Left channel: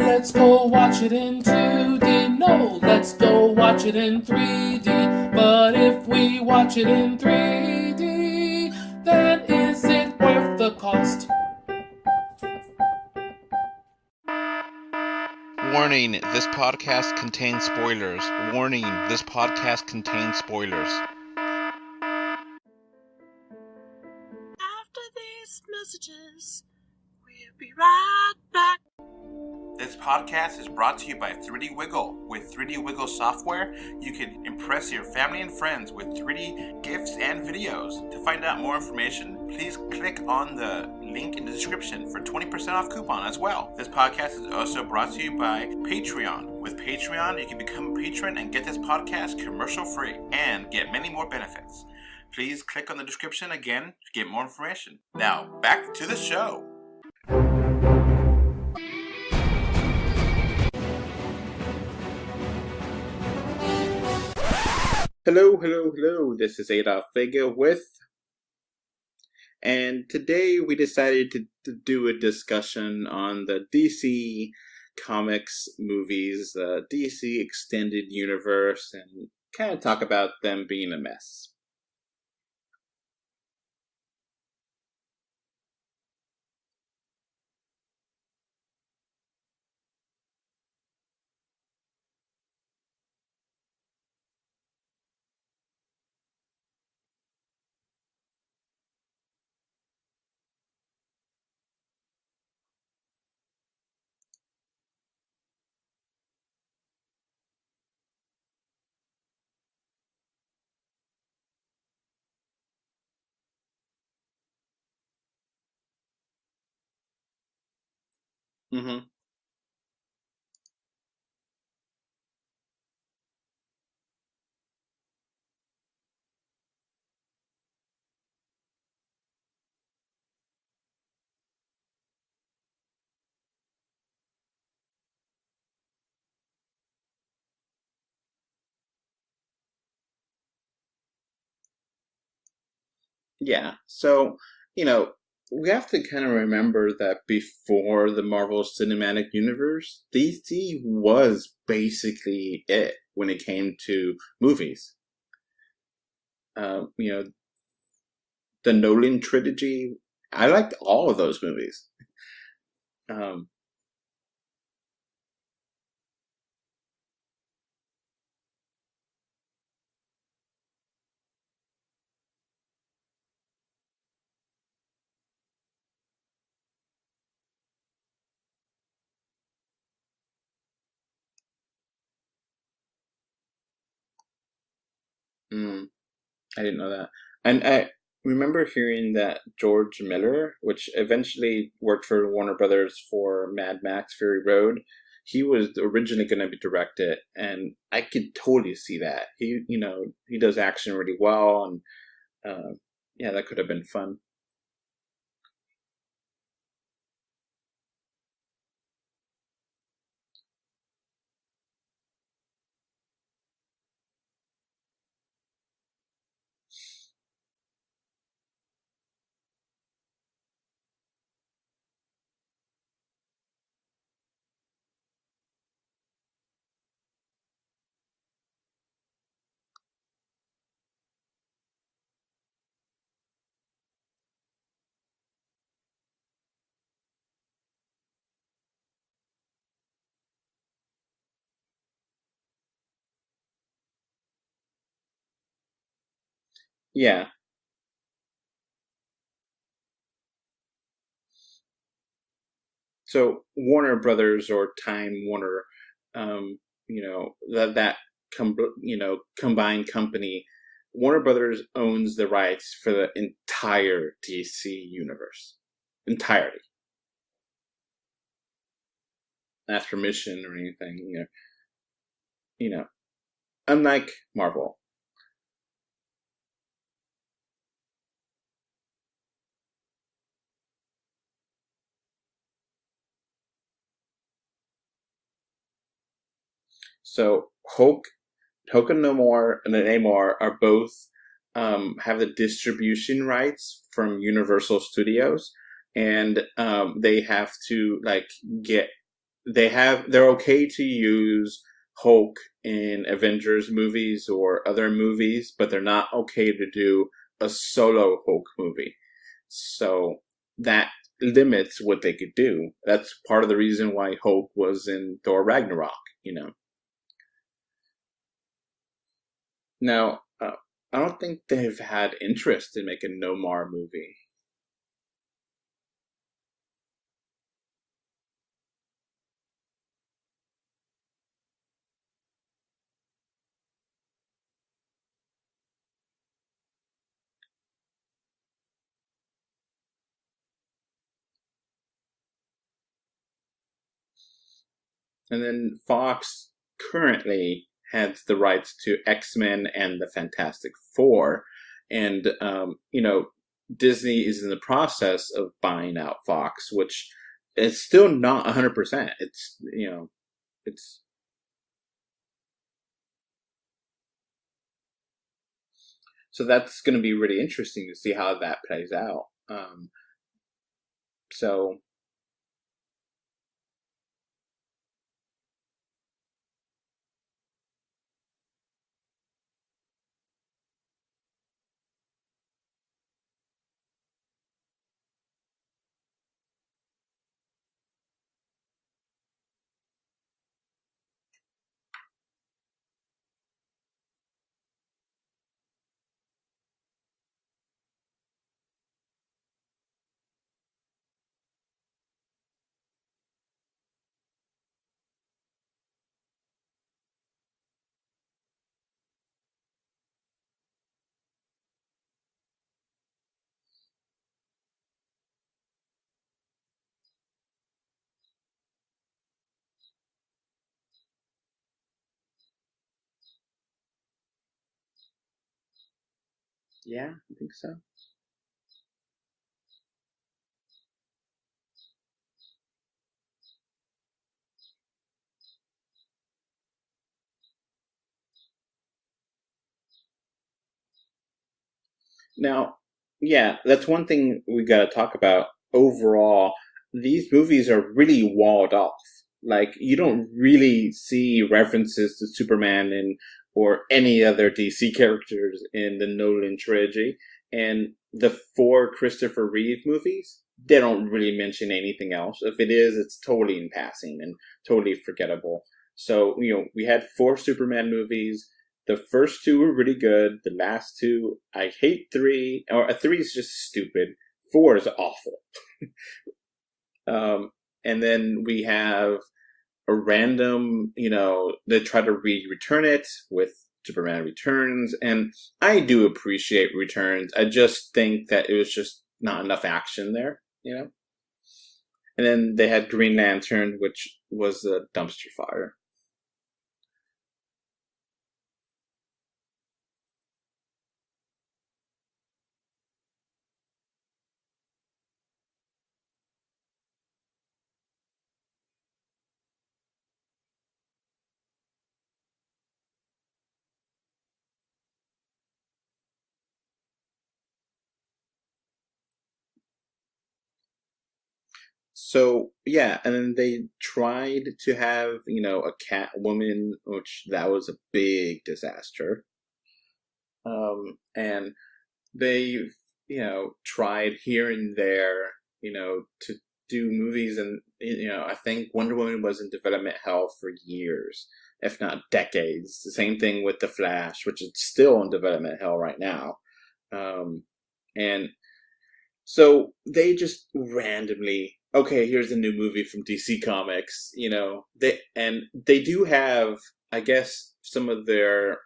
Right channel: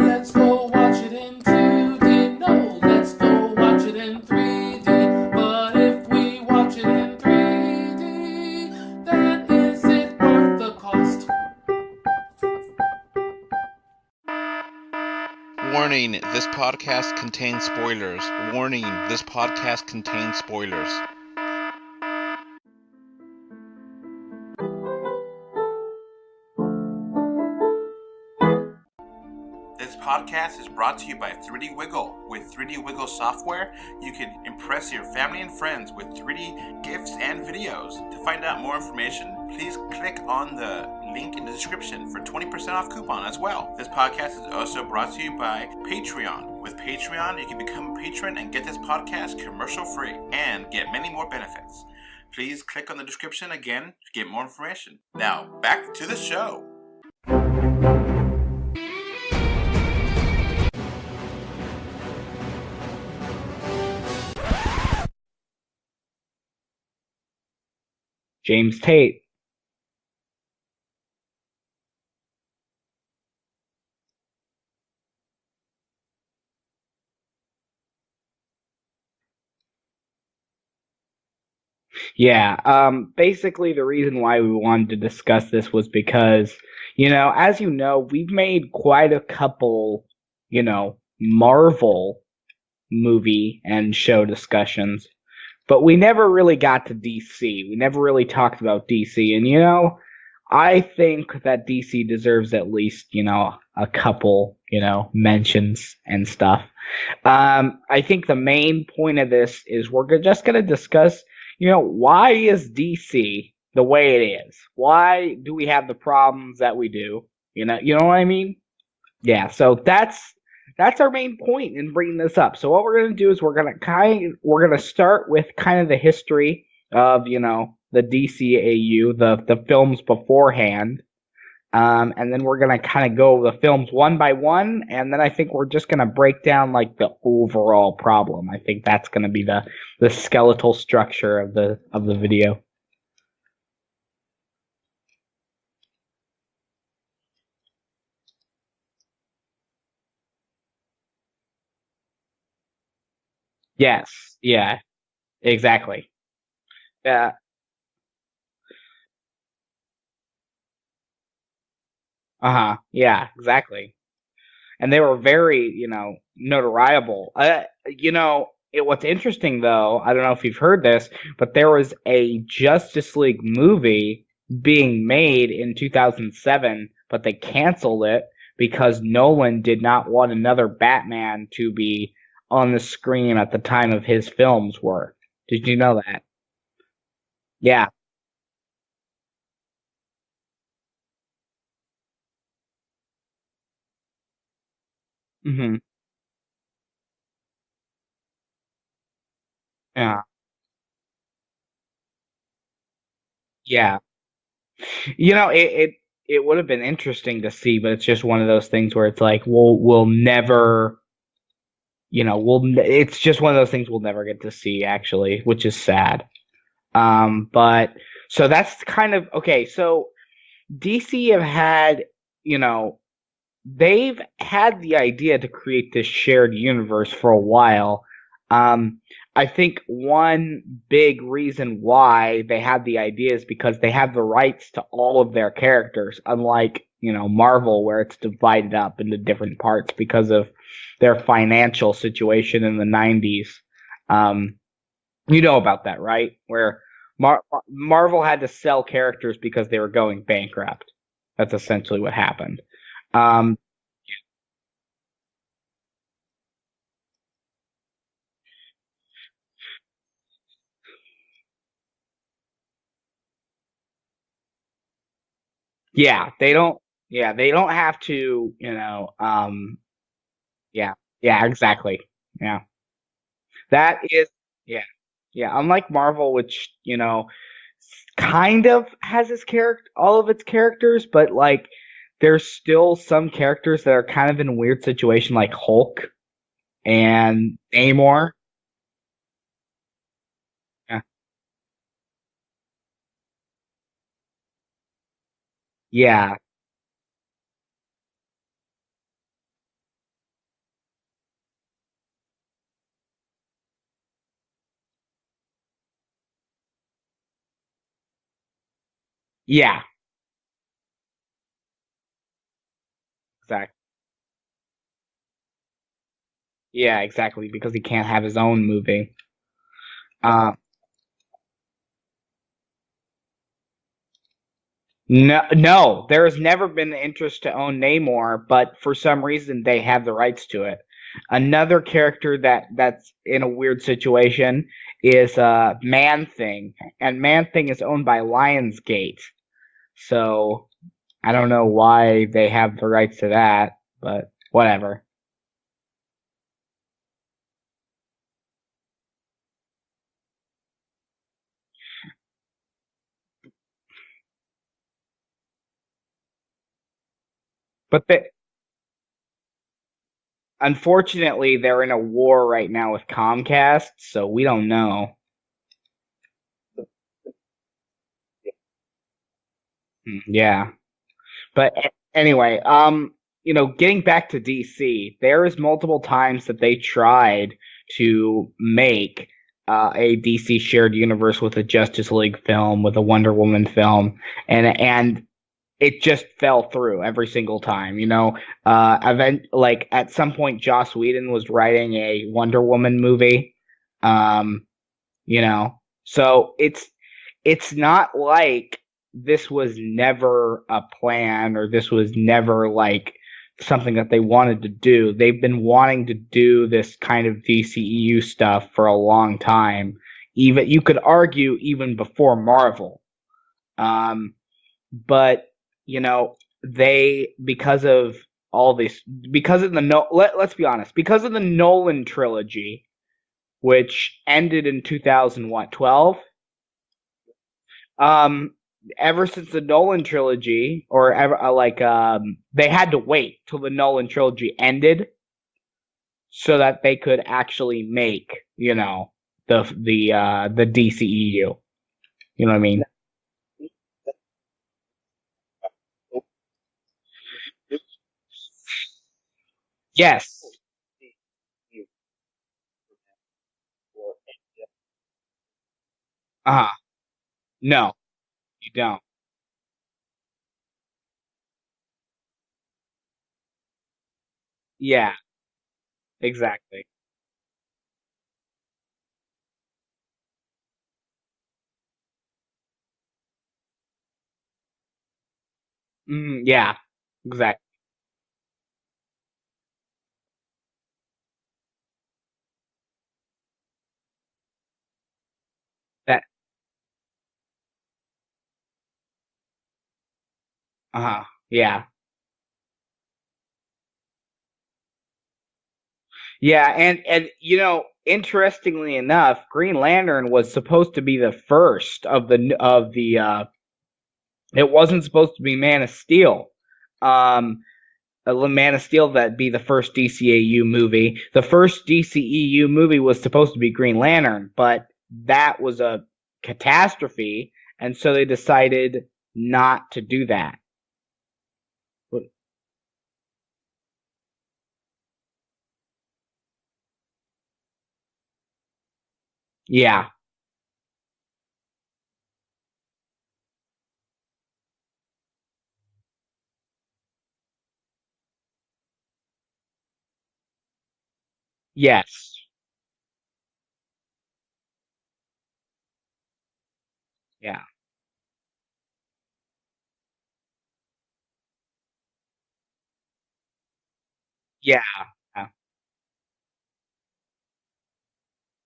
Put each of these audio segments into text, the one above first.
Let's go watch it in 2D. No, let's go watch it in 3D. But if we watch it in 3D, then is it worth the cost? Warning, this podcast contains spoilers. Warning, this podcast contains spoilers. After these messages, we'll be right back. This podcast is brought to you by 3D Wiggle. With 3D Wiggle software, you can impress your family and friends with 3D gifts and videos. To find out more information, please click on the link in the description for 20% off coupon as well. This podcast is also brought to you by Patreon. With Patreon, you can become a patron and get this podcast commercial free and get many more benefits. Please click on the description again to get more information. Now, back to the show. Hello. This is Adolf Vega with James Tate. And today we decided to do a discussion on the DC Comics movies, the DC Extended Universe, and kind of talk about them being a mess. Yeah, basically the reason why we wanted to discuss this was because, as you know, we've made quite a couple, Marvel movie and show discussions, but we never really got to DC. We never really talked about DC, and I think that DC deserves at least, a couple, mentions and stuff. I think the main point of this is we're just going to discuss, why is DC the way it is? Why do we have the problems that we do? You know what I mean? Mm-hmm. Yeah, so that's our main point in bringing this up. So what we're going to do is we're going to start with kind of the history of, the DCAU, the films beforehand. And then we're going to kind of go the films one by one, and then I think we're just going to break down like the overall problem. I think that's going to be the skeletal structure of the video. Yeah. So, we have to kind of remember that before the Marvel Cinematic Universe, DC was basically it when it came to movies. Yeah, exactly. The Nolan trilogy, I liked all of those movies. Yeah, exactly. And they were very, notoriable. What's interesting though, I don't know if you've heard this, but there was a Justice League movie being made in 2007, but they canceled it because Nolan did not want another Batman to be on the screen at the time of his films were. Did you know that? I didn't know that. And yeah. I remember hearing that George Miller, which eventually worked for Warner Brothers for Mad Max Fury Road, he was originally going to be directed, and I could totally see that. He, he does action really well, and that could have been fun. It would have been interesting to see, but it's just one of those things where it's like we'll never, it's just one of those things we'll never get to see actually, which is sad. But so that's kind of okay. So DC have had, they've had the idea to create this shared universe for a while. I think one big reason why they had the idea is because they have the rights to all of their characters, unlike, Marvel, where it's divided up into different parts because of their financial situation in the 90s. You know about that, right? Where Marvel had to sell characters because they were going bankrupt. That's essentially what happened. So Warner Brothers or Time Warner, combined company, Warner Brothers owns the rights for the entire DC universe. Yeah, entirely. They don't have to, ask permission or anything. Yeah, exactly. Yeah. Unlike that is Marvel. Yeah, unlike Marvel, which, kind of has all of its characters, but like there's still some characters that are kind of in a weird situation, like Hulk and Namor. Hulk and Namor are both have the distribution rights from Universal Studios. Yeah. And they have to get they're okay to use Hulk in Avengers movies or other movies, but they're not okay to do a solo Hulk movie. Yeah. So that limits what they could do. That's part of the Right. reason why Hulk was in Thor Ragnarok, you know. Yeah, exactly, because he can't have his own movie. Now, I don't think they've had interest in making a Nomar movie. No, there has never been the interest to own Namor, but for some reason they have the rights to it. Another character that's in a weird situation is Man-Thing, and Man-Thing is owned by Lionsgate. So I don't know why they have the rights to that, but whatever. And then Fox currently has the rights to X-Men and the Fantastic Four. And, you know, Disney is in the process of buying out Fox, which is still not 100%. It's, you know. Unfortunately, they're in a war right now with Comcast, so we don't know. So that's going to be really interesting to see how that plays out. Yeah. So, but anyway, you know, getting back to DC, there is multiple times that they tried to make a DC shared universe with a Justice League film, with a Wonder Woman film, and it just fell through every single time. You know, like at some point, Joss Whedon was writing a Wonder Woman movie. You know, so it's not like this was never a plan, or this was never like something that they wanted to do. They've been wanting to do this kind of DCEU stuff for a long time. Even you could argue even before Marvel. But you know, because of the let's be honest, because of the Nolan trilogy, which ended in 2012. Yeah, I think so. Ever since the Nolan trilogy, or ever they had to wait till the Nolan trilogy ended so that they could actually make, you know, the DCEU. You know what I mean? Yeah, that's one thing we got to talk about. Overall, these movies are really walled off. Like, you don't really see references to Superman or any other DC characters in the Nolan trilogy. And the four Christopher Reeve movies, they don't really mention anything else. If it is, it's totally in passing and totally forgettable. So, you know, we had 4 Superman movies. The first 2 were really good. The last 2, I hate 3. Or 3 is just stupid. 4 is awful. Exactly. And then we have a random, you know, they try to return it with Superman Returns, and I do appreciate Returns. I just think that it was just not enough action there, you know? Yeah. And then they had Green Lantern, which was a dumpster fire. Yeah, and you know, interestingly enough, Green Lantern was supposed to be the first of the it wasn't supposed to be Man of Steel. Man of Steel that'd be the first DCAU movie. The first DCEU movie was supposed to be Green Lantern, but that was a catastrophe, and so they decided not to do that. So, yeah, and then they tried to have, you know, a Catwoman, which that was a big disaster. Yeah. And they, you know, tried here and there, you know, to do movies, and, you know, I think Wonder Woman was in development hell for years, if not decades. The same thing with The Flash, which is still in development hell right now. And so they just randomly, okay, here's a new movie from DC Comics, you know. They do have, I guess, some of their,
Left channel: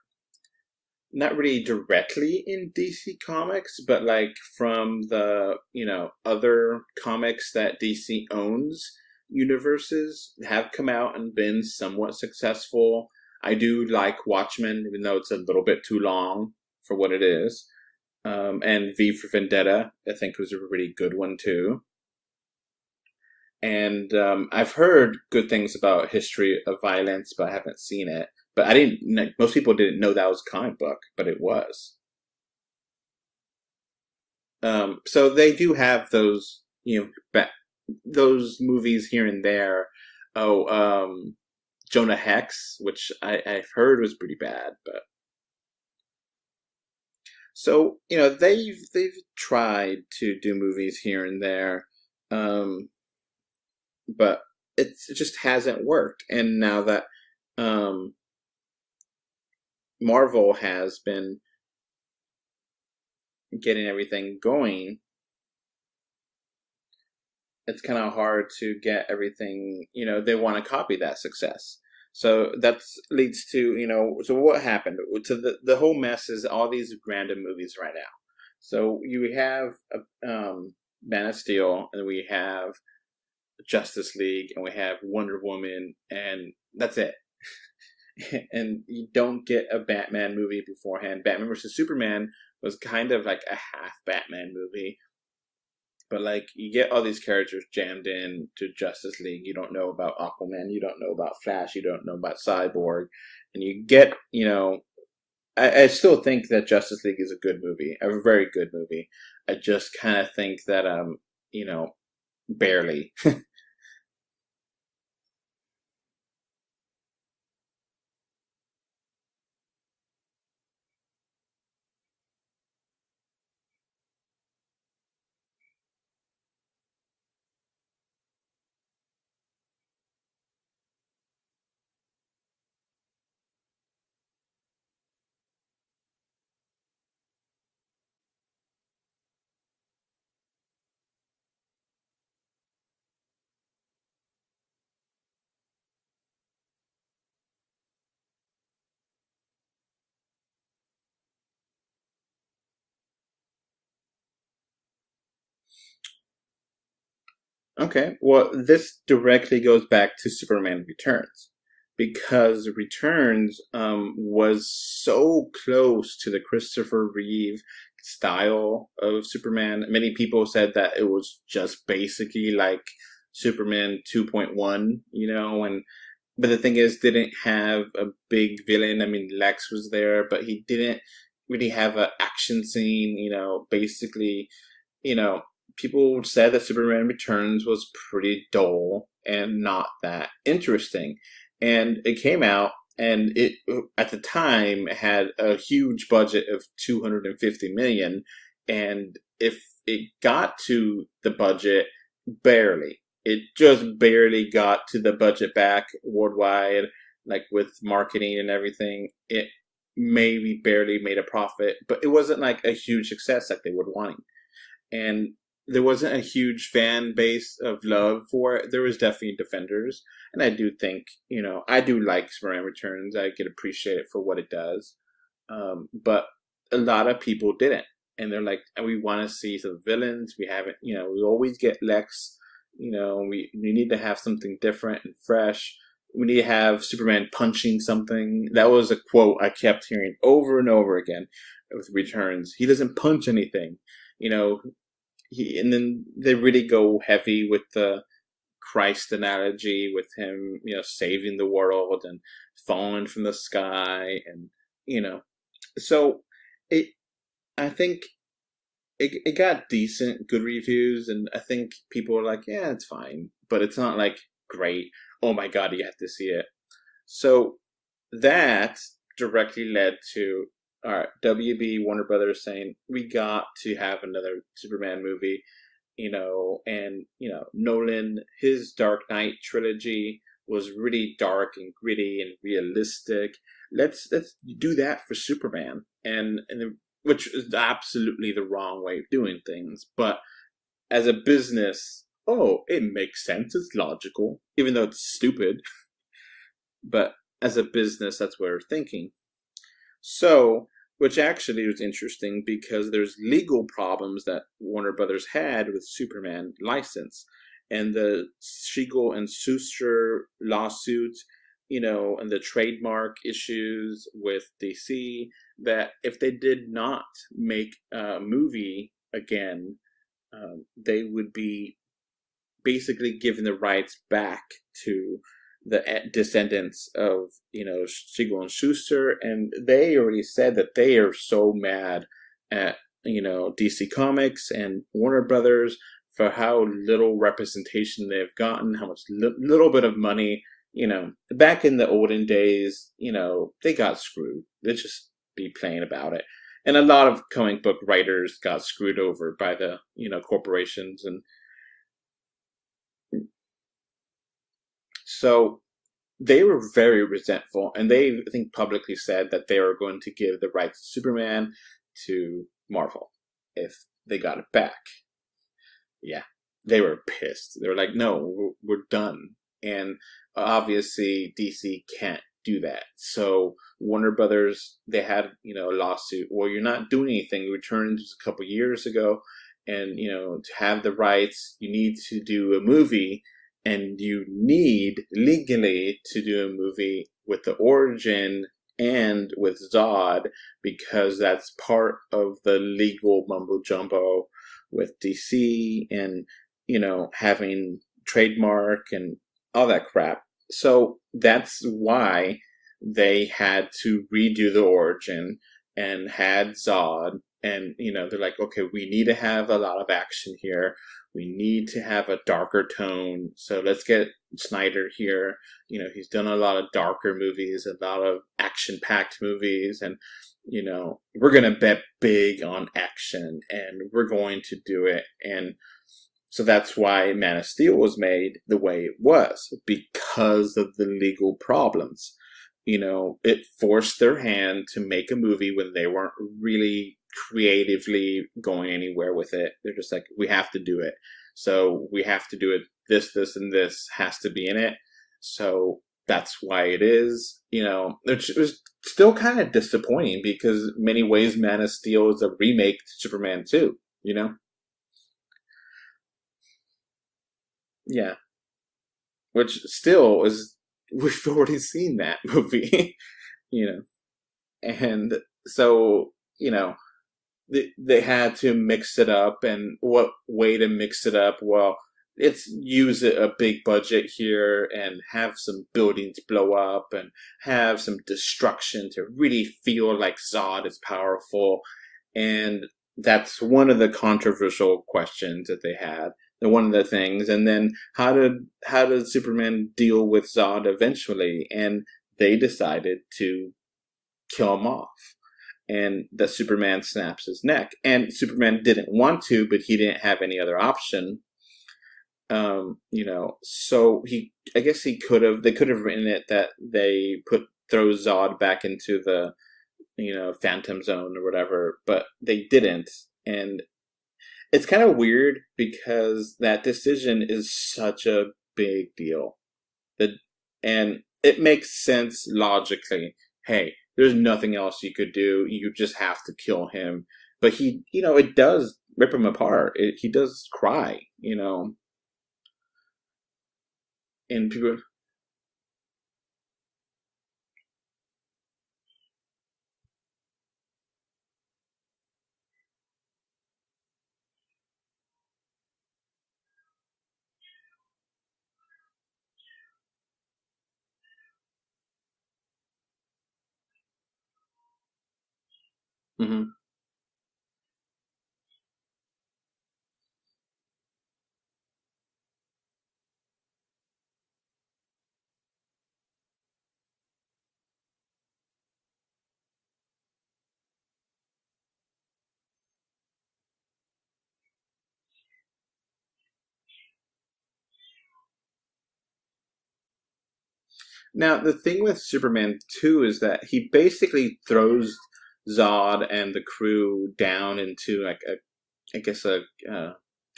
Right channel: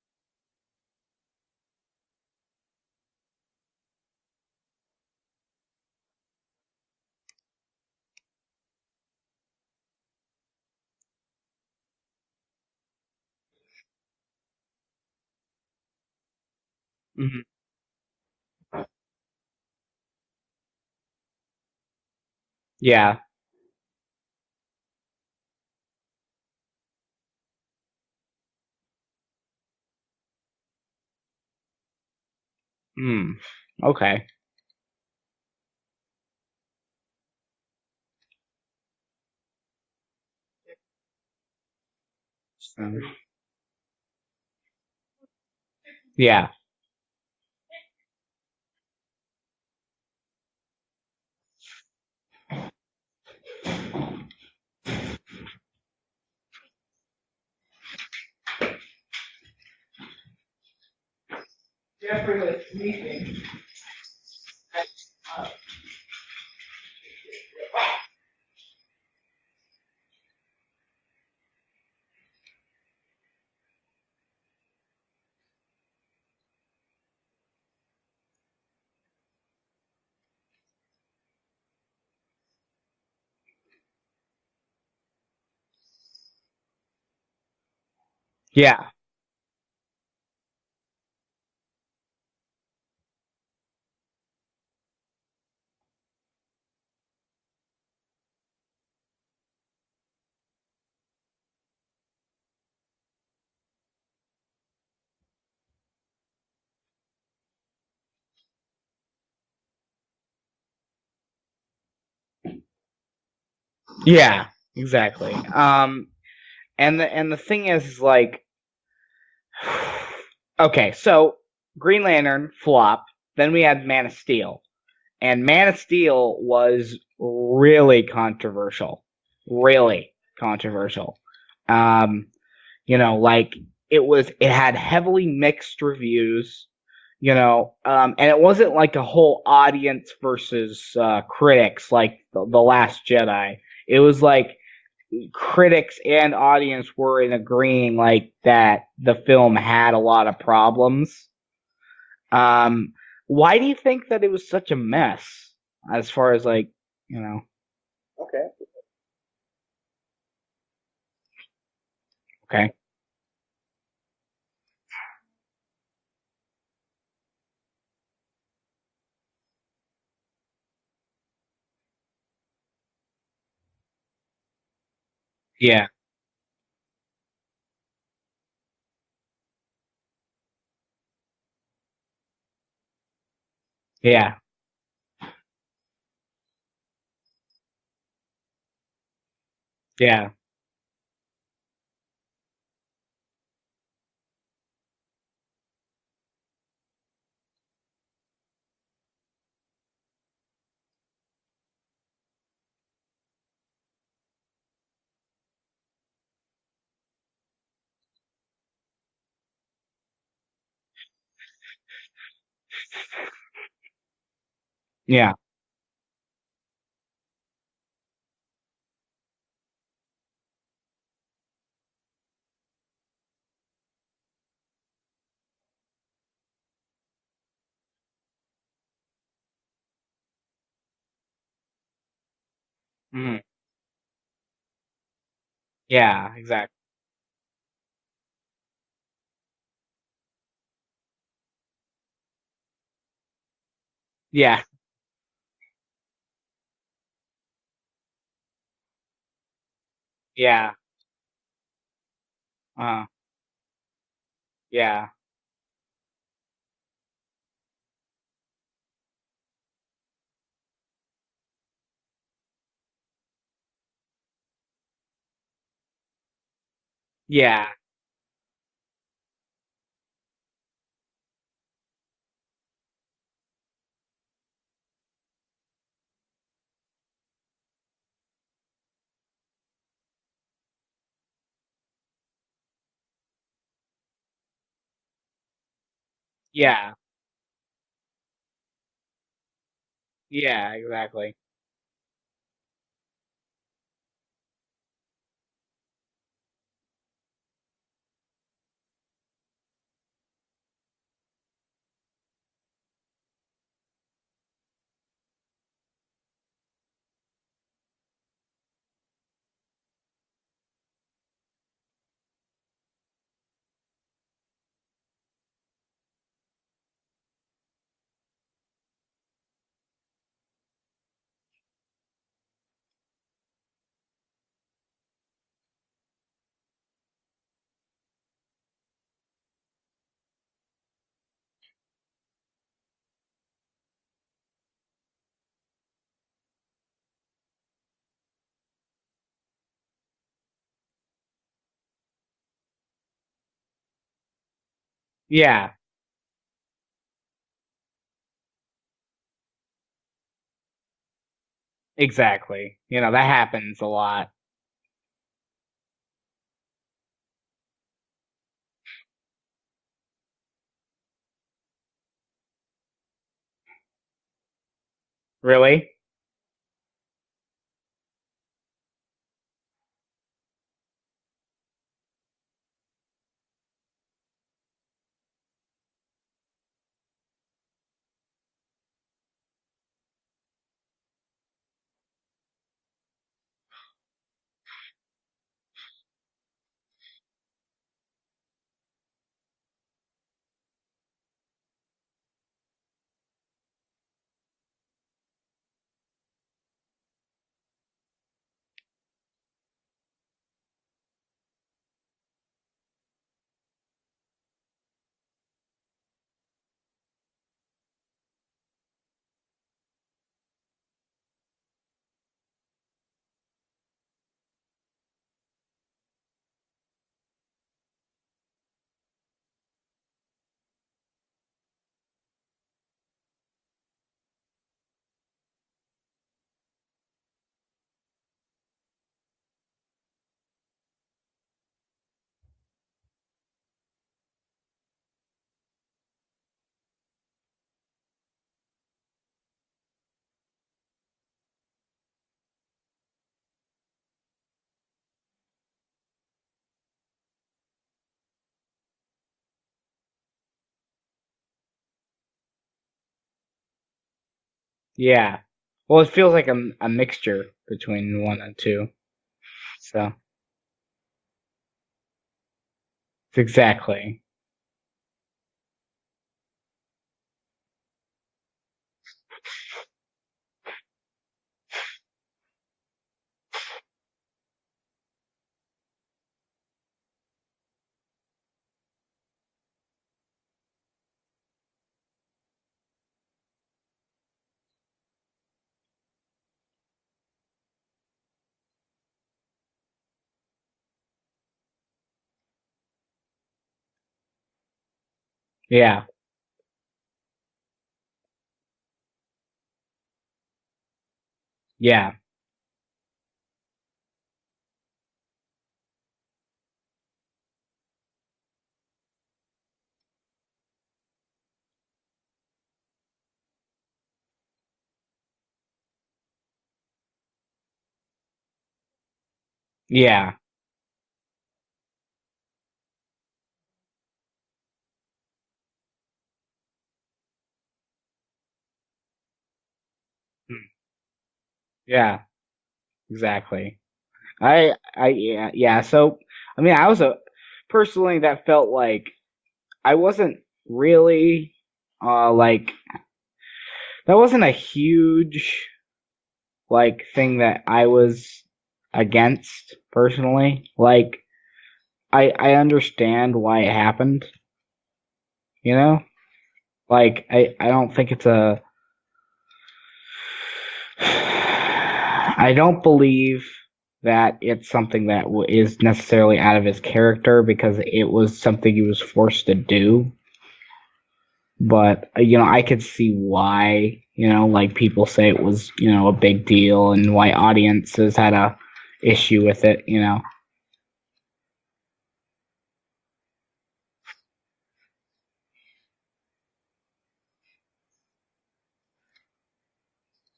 not really directly in DC Comics, but like from the, you know, other comics that DC owns, universes have come out and been somewhat successful. I do like Watchmen, even though it's a little bit too long for what it is. And V for Vendetta, I think, was a really good one too. Yeah. And I've heard good things about History of Violence, but I haven't seen it. But I didn't. Most people didn't know that was a comic book, but it was. Okay. So they do have those, you know, those movies here and there. Jonah Hex, which I've heard was pretty bad, but Yeah. so they've tried to do movies here and there, but it just hasn't worked. And now that Marvel has been getting everything going, it's kind of hard to get everything, they want to copy that success. So that leads to, so what happened? So the whole mess is all these random movies right now. So you have Man of Steel, and we have Justice League, and we have Wonder Woman, and that's it. And you don't get a Batman movie beforehand. Batman vs. Superman was kind of like a half Batman movie. But like, you get all these characters jammed in to Justice League. You don't know about Aquaman. You don't know about Flash. You don't know about Cyborg. And you get, I still think that Justice League is a good movie, a very good movie. I just kind of think that, barely. Yeah, exactly. And the thing is, like, okay, so Green Lantern flop. Then we had Man of Steel. And Man of Steel was really controversial. Really controversial. Like, it had heavily mixed reviews, and it wasn't like a whole audience versus critics like The Last Jedi. It was like critics and audience were in agreeing like that the film had a lot of problems. Why do you think that it was such a mess as far as like, Okay, well, this directly goes back to Superman Returns, because Returns was so close to the Christopher Reeve style of Superman. Many people said that it was just basically like Superman 2.1, Yeah. But the thing is, didn't have a big villain. I mean, Lex was there, but he didn't really have an action scene, basically, people said that Superman Returns was pretty dull and not that interesting. And it came out, and it, at the time, had a huge budget of $250 million. And if it got to the budget, barely. It just barely got to the budget back worldwide, like with marketing and everything. It maybe barely made a profit, but it wasn't like a huge success like they were wanting. And there wasn't a huge fan base of love for it. There was definitely defenders. And I do think, I do like Superman Returns. I can appreciate it for what it does. But a lot of people didn't. And they're like, we want to see some villains. We haven't, we always get Lex. We need to have something different and fresh. Yeah. We need to have Superman punching something. That was a quote I kept hearing over and over again with Returns. He doesn't punch anything. And then they really go heavy with the Christ analogy with him, saving the world and falling from the sky. And, so I think it got decent, good reviews, and I think people are like, yeah, it's fine, but it's not like great. Oh my God, you have to see it. So that directly led to WB Warner Brothers saying, we got to have another Superman movie, and Nolan, his Dark Knight trilogy was really dark and gritty and realistic. Let's do that for Superman. And which is absolutely the wrong way of doing things. But exactly. As a business, it makes sense. It's logical, even though it's stupid. But as a business, that's what we're thinking. So, which actually was interesting because there's legal problems that Warner Brothers had with Superman license. And the Siegel and Schuster lawsuit, and the trademark issues with DC, that if they did not make a movie again, they would be basically giving the rights back to the descendants of, Siegel and Schuster. And they already said that they are so mad at, DC Comics and Warner Brothers for how little representation they've gotten, how much little bit of money. Back in the olden days, they got screwed. They just complain about it. And a lot of comic book writers got screwed over by the, corporations. And exactly. That happens a lot. So they were very resentful, and they, I think, publicly said that they were going to give the rights to Superman to Marvel if they got it back. Really? Yeah. They were pissed. They were like, no, we're done. And obviously DC can't do that. So Warner Brothers, they had, a lawsuit. Well, you're not doing anything. You returned a couple years ago, and, to have the rights, you need to do a movie, and you need legally to do a movie with the origin and with Zod, because that's part of the legal mumbo jumbo with DC and, having trademark and all that crap. So that's why they had to redo the origin and had Zod. And, they're like, okay, we need to have a lot of action here. We need to have a darker tone. So let's get Snyder here. He's done a lot of darker movies, a lot of action-packed movies. And, we're going to bet big on action. And we're going to do it. And so that's why Man of Steel was made the way it was, because of the legal problems. It forced their hand to make a movie when they weren't really creatively going anywhere with it. They're just like, we have to do it. So we have to do it. This, and this has to be in it. So that's why it is. It was still kind of disappointing, because in many ways Man of Steel is a remake to Superman 2, Yeah. Well, it feels like a mixture between 1 and 2. Which still is, we've already seen that movie. Exactly. And so, they had to mix it up. And what way to mix it up? Well, it's use a big budget here and have some buildings blow up and have some destruction to really feel like Zod is powerful. And that's one of the controversial questions that they had. And one of the things. And then how did Superman deal with Zod eventually? And they decided to kill him off. And that Superman snaps his neck. And Superman didn't want to, but he didn't have any other option. Yeah. So I guess they could have written it that they throw Zod back into the, Phantom Zone or whatever, but they didn't. And it's kind of weird, because that decision is such a big deal. Yeah. And it makes sense logically. Hey, there's nothing else you could do. You just have to kill him. But he, it does rip him apart. He does cry, Yeah, exactly. And yeah. So, I was personally, that felt like I wasn't really, that wasn't a huge, thing that I was against, personally. I understand why it happened, Mm-hmm. I don't think it's I don't believe that it's something that is necessarily out of his character, because it was something he was forced to do. But, I could see why, people say it was, a big deal, and why audiences had a issue with it, Now, the thing with Superman 2 is that he basically throws Zod and the crew down into, a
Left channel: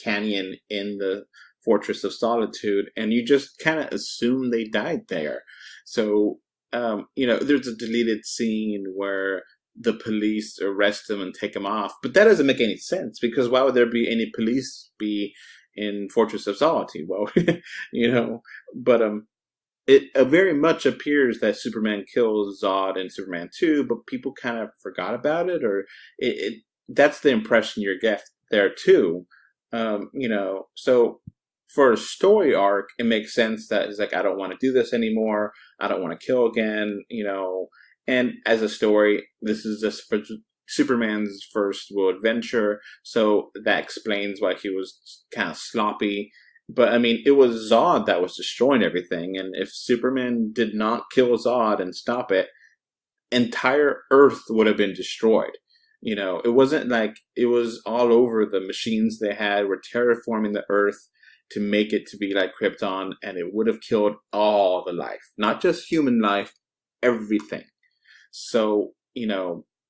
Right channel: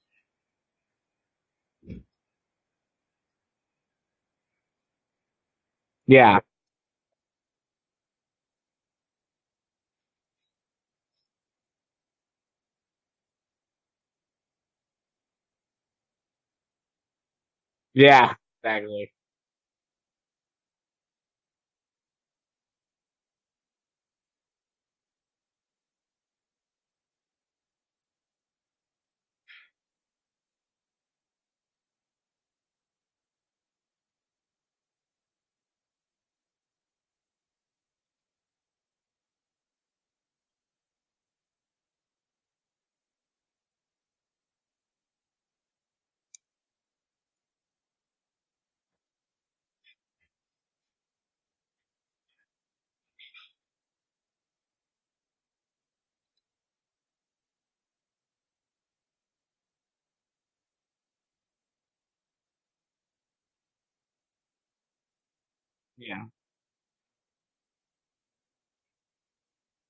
canyon in the Fortress of Solitude, and you just kind of assume they died there. So, there's a deleted scene where the police arrest them and take them off, but that doesn't make any sense, because why would there be any police be in Fortress of Solitude? Well, exactly. But it very much appears that Superman kills Zod in Superman 2, but people kind of forgot about it, or that's the impression you get there too. So for a story arc, it makes sense that it's like, I don't want to do this anymore. I don't want to kill again, And as a story, this is just Superman's first world adventure, so that explains why he was kind of sloppy. But I mean, it was Zod that was destroying everything, and if Superman did not kill Zod and stop it, entire Earth would have been destroyed. It wasn't like it was all over. The machines they had were terraforming the Earth to make it to be like Krypton, and it would have killed all the life, not just human life, everything. So,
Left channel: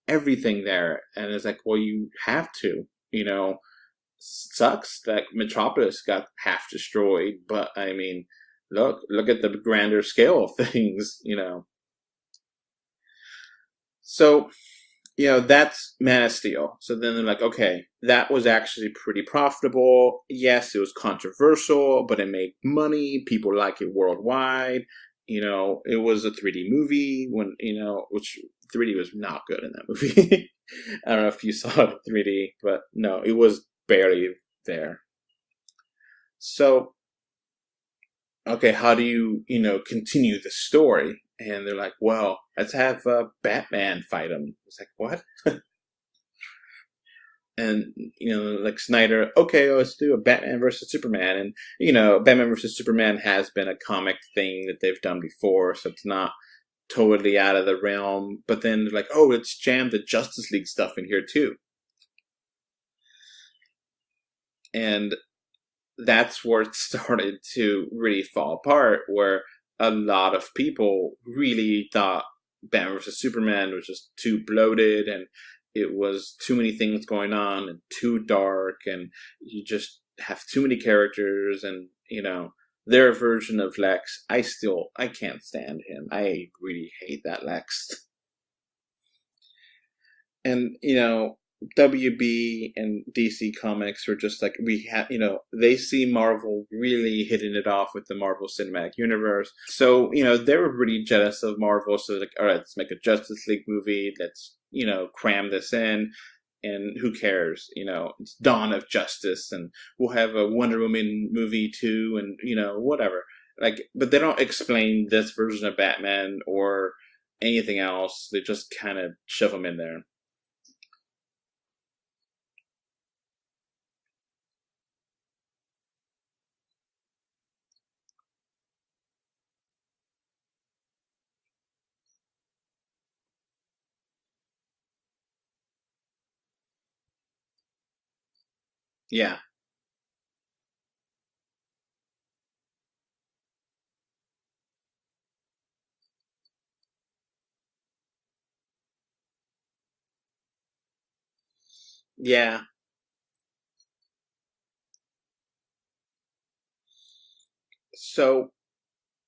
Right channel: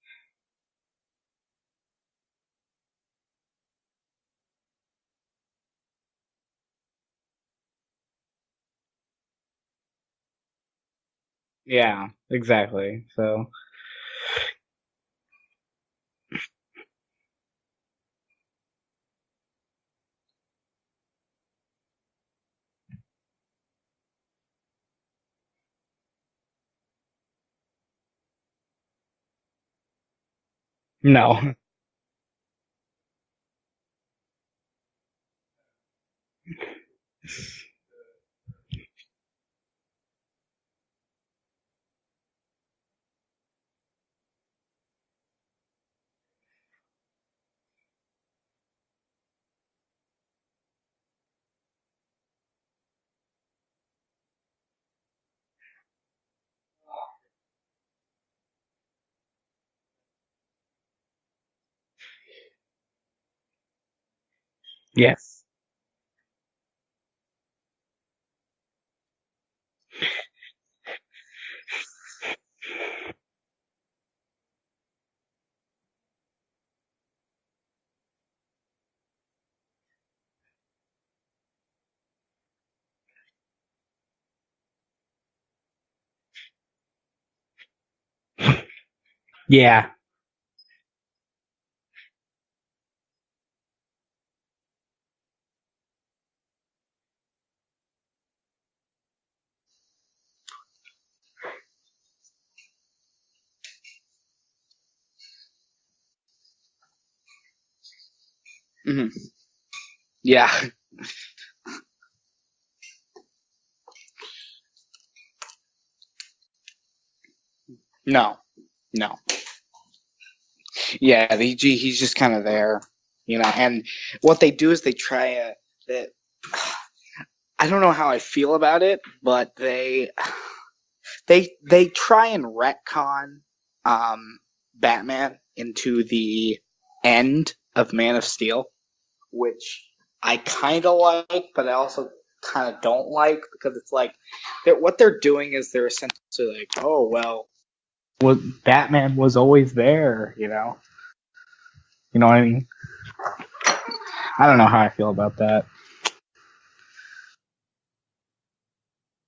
everything there. And it's like, well, you have to, sucks that Metropolis got half destroyed, but I mean, look at the grander scale of things, Yeah, exactly. So, that's Man of Steel. So then they're like, okay, that was actually pretty profitable. Yes, it was controversial, but it made money. People like it worldwide. It was a 3D movie which 3D was not good in that movie. I don't know if you saw it in 3D, but no, it was barely there. So, okay, how do you, continue the story? And they're like, well, let's have Batman fight him. It's like, what? And, like Snyder, okay, let's do a Batman versus Superman. And, Batman versus Superman has been a comic thing that they've done before, so it's not totally out of the realm. But then they're like, oh, let's jam the Justice League stuff in here too. And yes, that's where it started to really fall apart, where a lot of people really thought Batman vs. Superman was just too bloated, and it was too many things going on and too dark, and you just have too many characters, and their version of Lex, I can't stand him. I really hate that Lex. yeah, And WB and DC Comics are just like, they see Marvel really hitting it off with the Marvel Cinematic Universe. So, they were really jealous of Marvel. So, like, all right, let's make a Justice League movie. Let's, cram this in. And who cares? It's Dawn of Justice. And we'll have a Wonder Woman movie too. And, whatever. Like, but they don't explain this version of Batman or anything else. No. They just kind of shove him in there. Yeah, he's just kind of there, and what they do is they try I don't know how I feel about it, but they try and retcon Batman into the end of Man of Steel. Yeah. Which I kind of like, but I also kind of don't like, because it's like what they're doing is they're essentially like, oh, well, Batman was always there, Yeah. I don't know how I feel about that. So,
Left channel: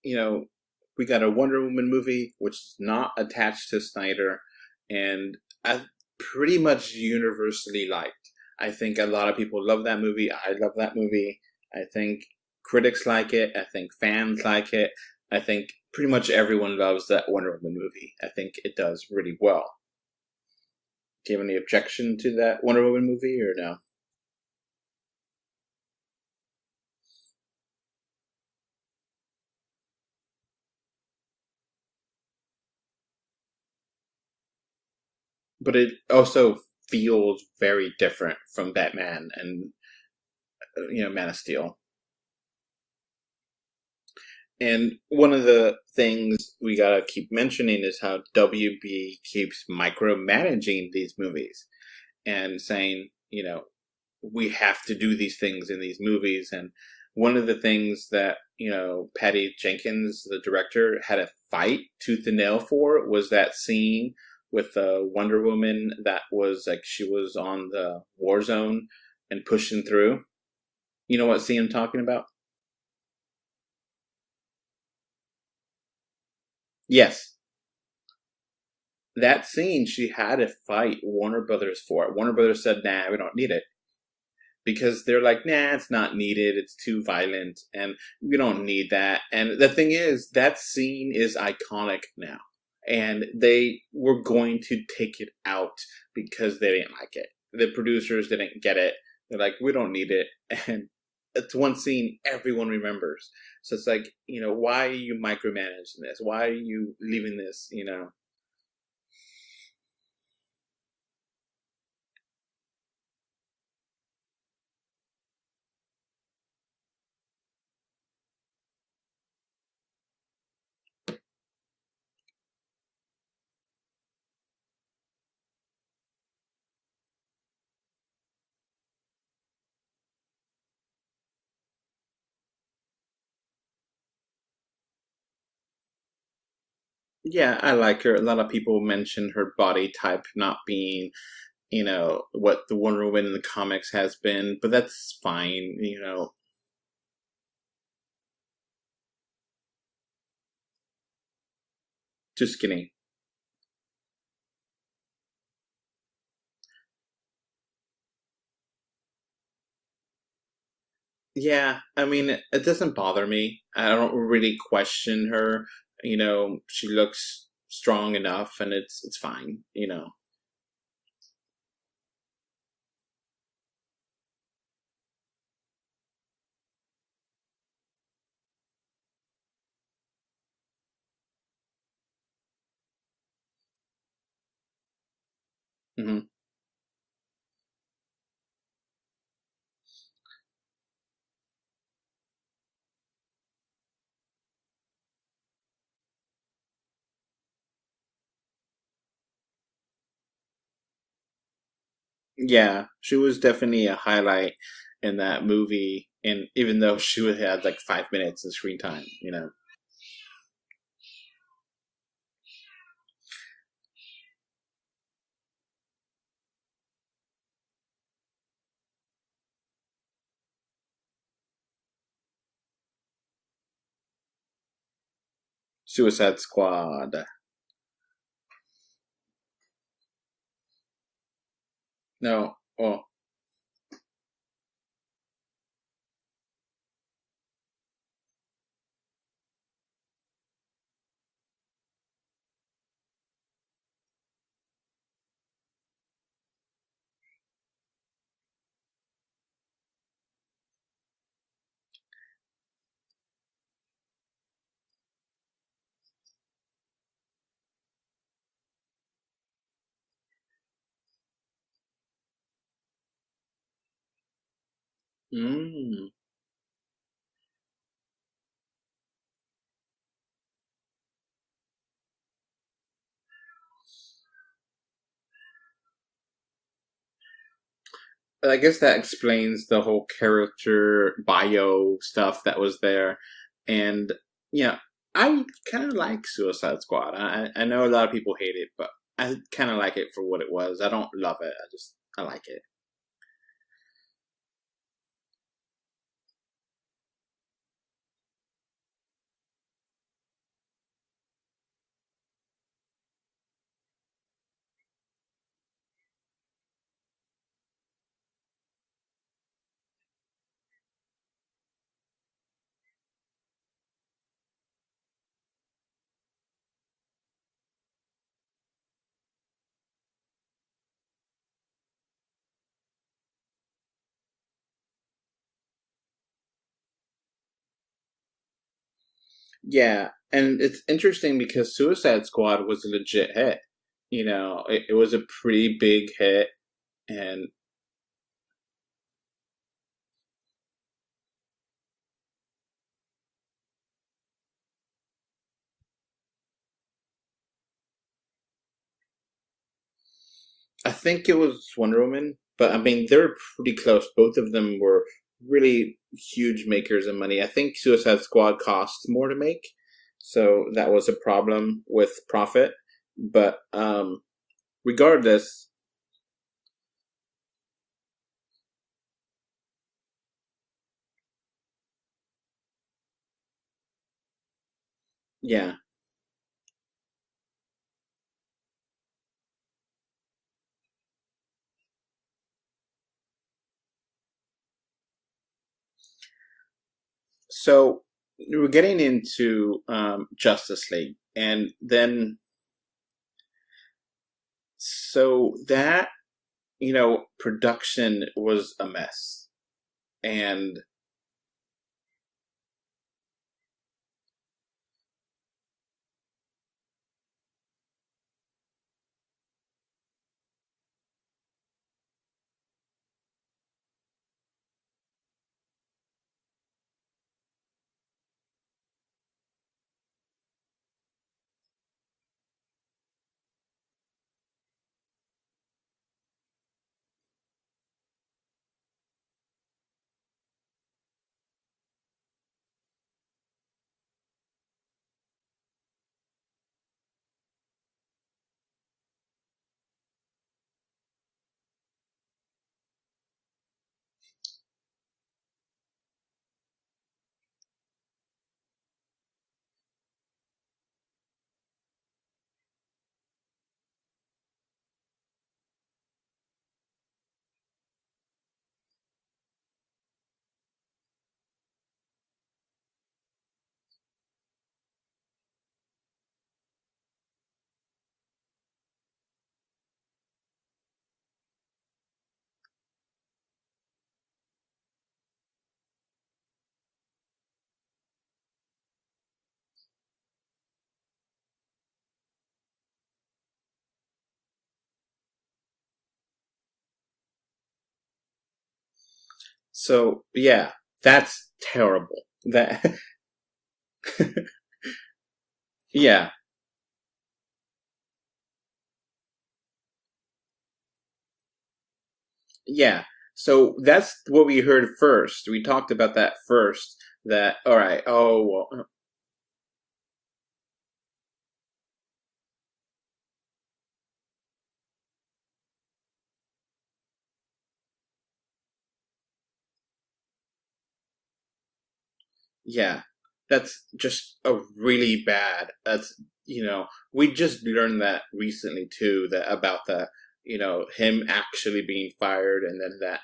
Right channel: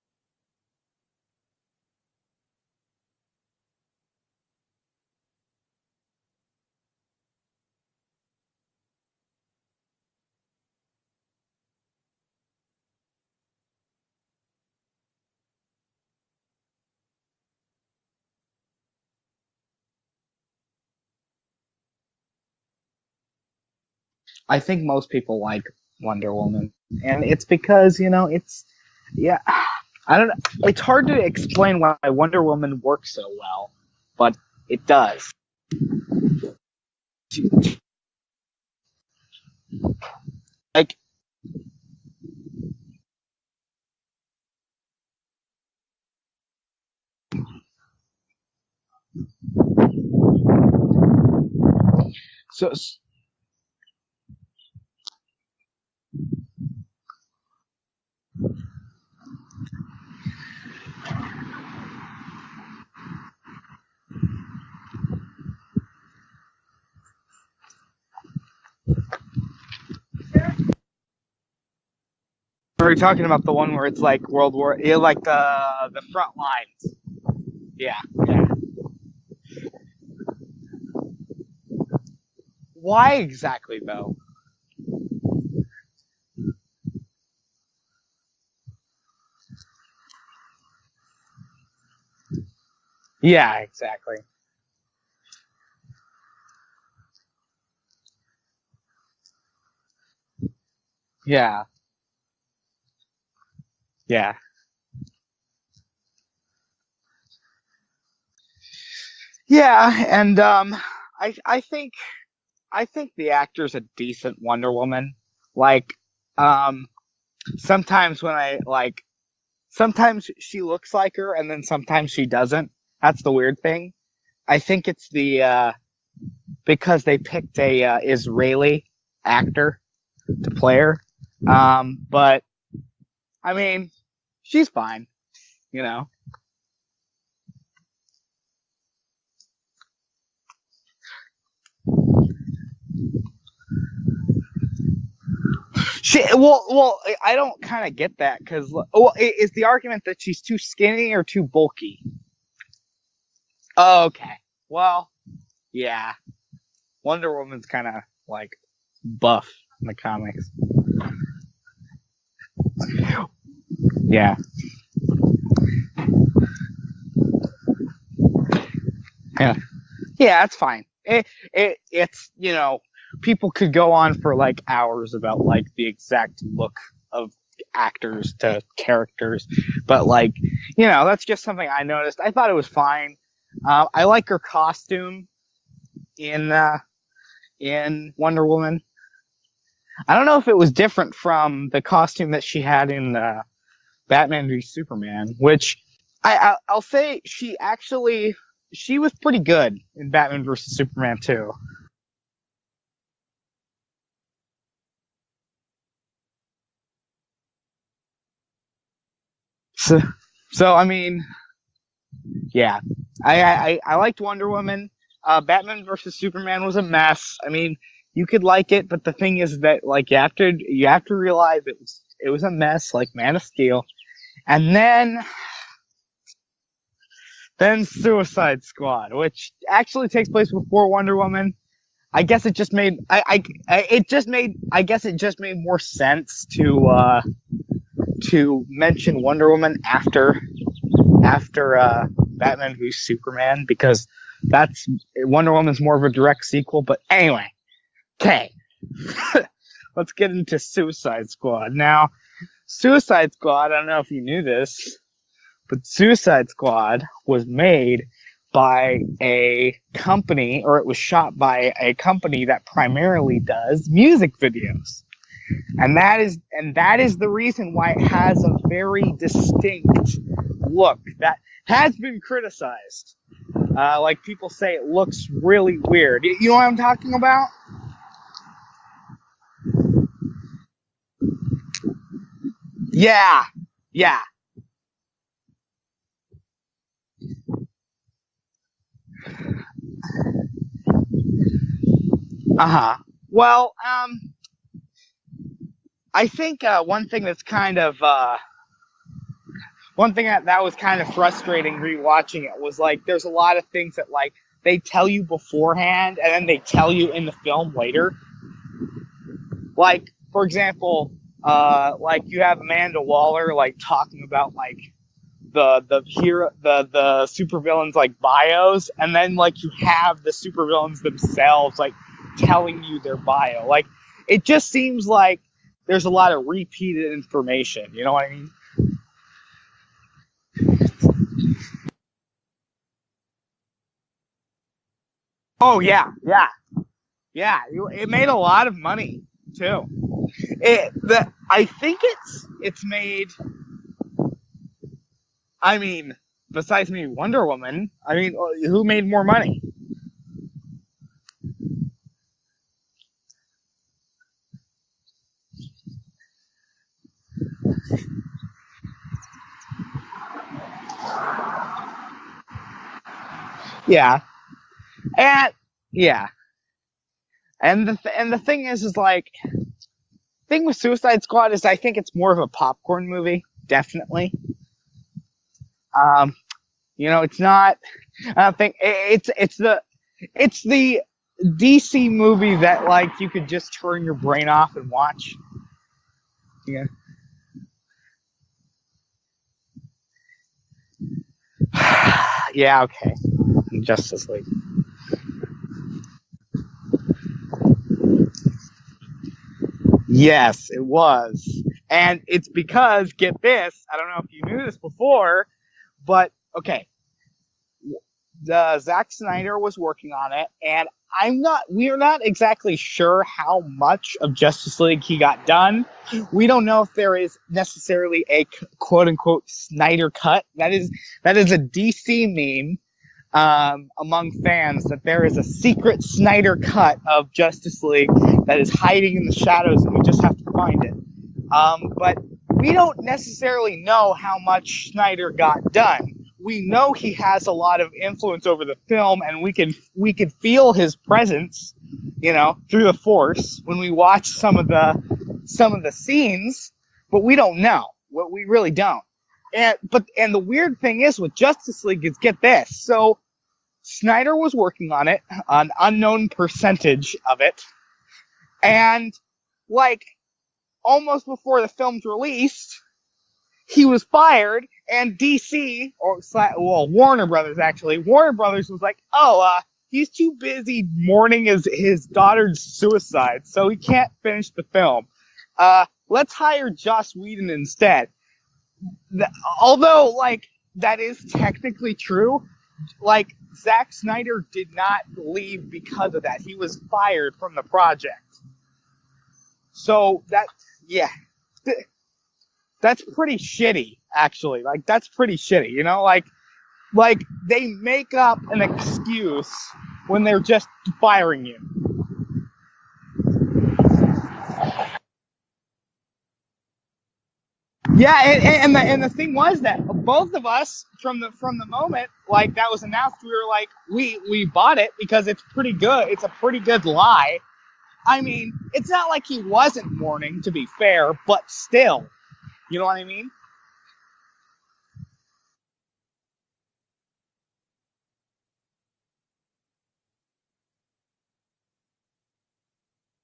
we got a Wonder Woman movie, which is not attached to Snyder, and I pretty much universally liked. I think a lot of people love that movie. I love that movie. I think critics like it. I think fans like it. I think pretty much everyone loves that Wonder Woman movie. I think it does really well. Do you have any objection to that Wonder Woman movie, or no? I think most people like Wonder Woman, and it's because, I don't know. It's hard to explain why Wonder Woman works so well, but it does. But it also feels very different from Batman and, Man of Steel. And one of the things we gotta keep mentioning is how WB keeps micromanaging these movies and saying, we have to do these things in these movies. And one of the things that, Patty Jenkins, the director, had a fight tooth and nail for was that scene with Wonder Woman that was like, she was on the war zone and pushing through. You know what scene I'm talking about? Are you talking about the one where it's like World War, like the front lines? Yes. Yeah. That scene, she had to fight Warner Brothers for it. Warner Brothers said, nah, why we don't exactly, need it. though? Because they're like, nah, it's not needed. It's too violent, and we don't need that. And the thing is, that scene is iconic now. And they were going to take it out because they didn't like it. The producers didn't get it. They're like, we don't need it. And it's one scene everyone remembers. So it's like, why are you micromanaging this? Why are you leaving this, Yeah, and I think the actor's a decent Wonder Woman. Like, sometimes sometimes she looks like her, and then sometimes she doesn't. That's the weird thing. I think it's because they picked a Israeli actor to play her. But I mean, she's fine, you know. Yeah, I like her. A lot of people mention her body type not being, what the Wonder Woman in the comics has been, but that's fine. Well, I don't kind of get that because, is the argument that she's too skinny or too bulky? Too skinny. Oh, okay. Well, yeah. Wonder Woman's kind of like buff in the comics. Yeah, I mean, it doesn't bother me. I don't Yeah. really question her. She looks strong enough, and it's fine. Yeah. Yeah, it's fine. It's people could go on for like hours about like the exact look of actors to characters, but like that's just something I noticed. I thought it was fine. I like her costume in Wonder Woman. I don't know if it was different from the costume that she had in Batman v Superman, which I'll say she was pretty good in Batman vs Superman too. Yeah, she was definitely a highlight in that movie, and even though she had like 5 minutes of screen time, So I mean, yeah, I liked Wonder Woman. Batman vs Superman was a mess. I mean, you could like it, but the thing is that like you have to realize it was a mess, like Man of Steel, and then Suicide Squad. Then Suicide Squad, which actually takes place before Wonder Woman. I guess it just made I guess it just made more sense to mention Wonder Woman after Batman v Superman, because Wonder Woman's more of a direct sequel. But anyway, okay. Let's get into Suicide Squad. Now, Suicide Squad, I don't know if you knew this, but Suicide Squad was made by a company, or it was shot by a company that primarily does music videos. And that is the reason why it has a very distinct look that has been criticized. Like people say it looks really weird. You know what I'm talking about? I guess that explains the whole character bio stuff that was there. Yeah. And I kind of like Suicide Squad. I know a lot of people hate it, but I kind of like it for what it was. I don't love it. I like it. Well, I think one thing that's kind of one thing that was kind of frustrating rewatching it was like there's a lot of things that like they tell you beforehand and then they tell you in the film later. Like, for example, like you have Amanda Waller like talking about like the supervillains like bios, and then like you have the supervillains themselves like telling you their bio. Like it just seems like there's a lot of repeated information. You know what I mean? Yeah, and it's interesting because Suicide Squad was a legit hit. It was a pretty big hit. Yeah. And It made a lot of money too. I think it's made. I mean, besides maybe Wonder Woman, I mean, who made more money? I think it was Wonder Woman, but I mean, they're pretty close. Both of them were really huge makers of money. I think Suicide Squad cost more to make, so that was a problem with profit. But regardless, and the thing is like, thing with Suicide Squad is I think it's more of a popcorn movie, definitely. Yeah. It's not. I don't think it's the DC movie that like you could just turn your brain off and watch. Yeah. So we're getting into Justice League, and then okay, Justice League. So that production was a mess. Yes, it was. And it's because, get this, I don't know if you knew this before, but, okay, Zack Snyder was working on it, and we're not exactly sure how much of Justice League he got done. We don't know if there is necessarily a quote unquote Snyder cut. That is a DC meme among fans, that there is a secret Snyder cut of Justice League that is hiding in the shadows, and we just have to find it. But we don't necessarily know how much Snyder got done. We know he has a lot of influence over the film, and we could feel his presence, through the Force when we watch some of the scenes, but we don't know. We really don't. And the weird thing is with Justice League is, get this. So Snyder was working on it, an unknown percentage of it, and almost before the film's released, he was fired, and DC, Warner Brothers was like, he's too busy mourning his daughter's suicide, so he can't finish the film. Let's hire Joss Whedon instead. Although, that is technically true, Zack Snyder did not leave because of that. He was fired from the project. So that's terrible. That's pretty shitty, actually. That's pretty shitty, Yeah. They make up an excuse when they're just firing you. Yeah. So that's what we heard first. We talked about that first. That, all right. Yeah, and the thing was that both of us, from the moment that was announced, we were like, we bought it because it's pretty good. It's a pretty good lie. I mean, it's not like he wasn't mourning, to be fair, but still. You know what I mean? That's just a really bad. That's, we just learned that recently too, about him actually being fired, and then that,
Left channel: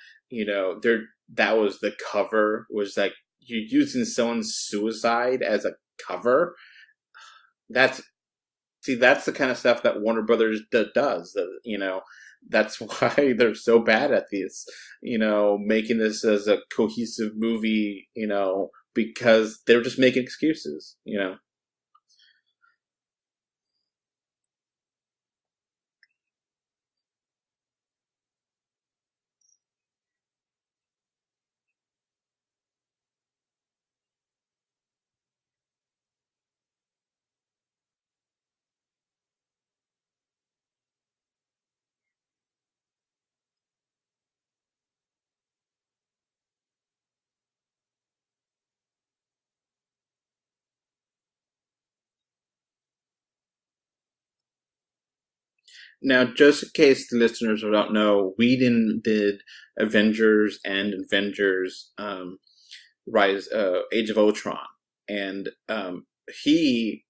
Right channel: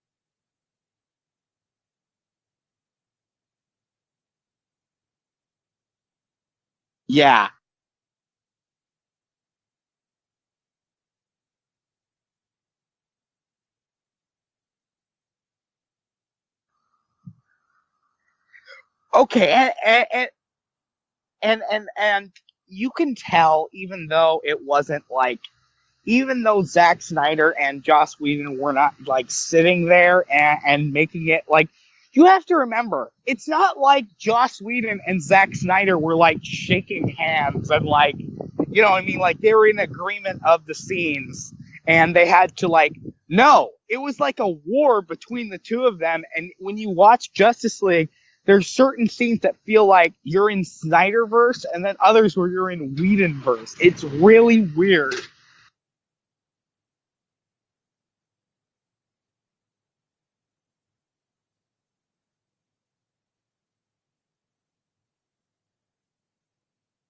that was the cover, was like, you're using someone's suicide as a cover. Yeah. That's the kind of stuff that Warner Brothers does, that's why they're so bad at this, making this as a cohesive movie, because they're just making excuses, And you can tell, even though Zack Snyder and Joss Whedon were not sitting there and making it you have to remember, it's not like Joss Whedon and Zack Snyder were shaking hands and you know what I mean? They were in agreement of the scenes. And they had to no, it was a war between the two of them. And when you watch Justice League, there's certain scenes that feel like you're in Snyderverse, and then others where you're in Whedonverse. It's really weird. Now, just in case the listeners don't know, Whedon did Avengers and Avengers Age of Ultron. And he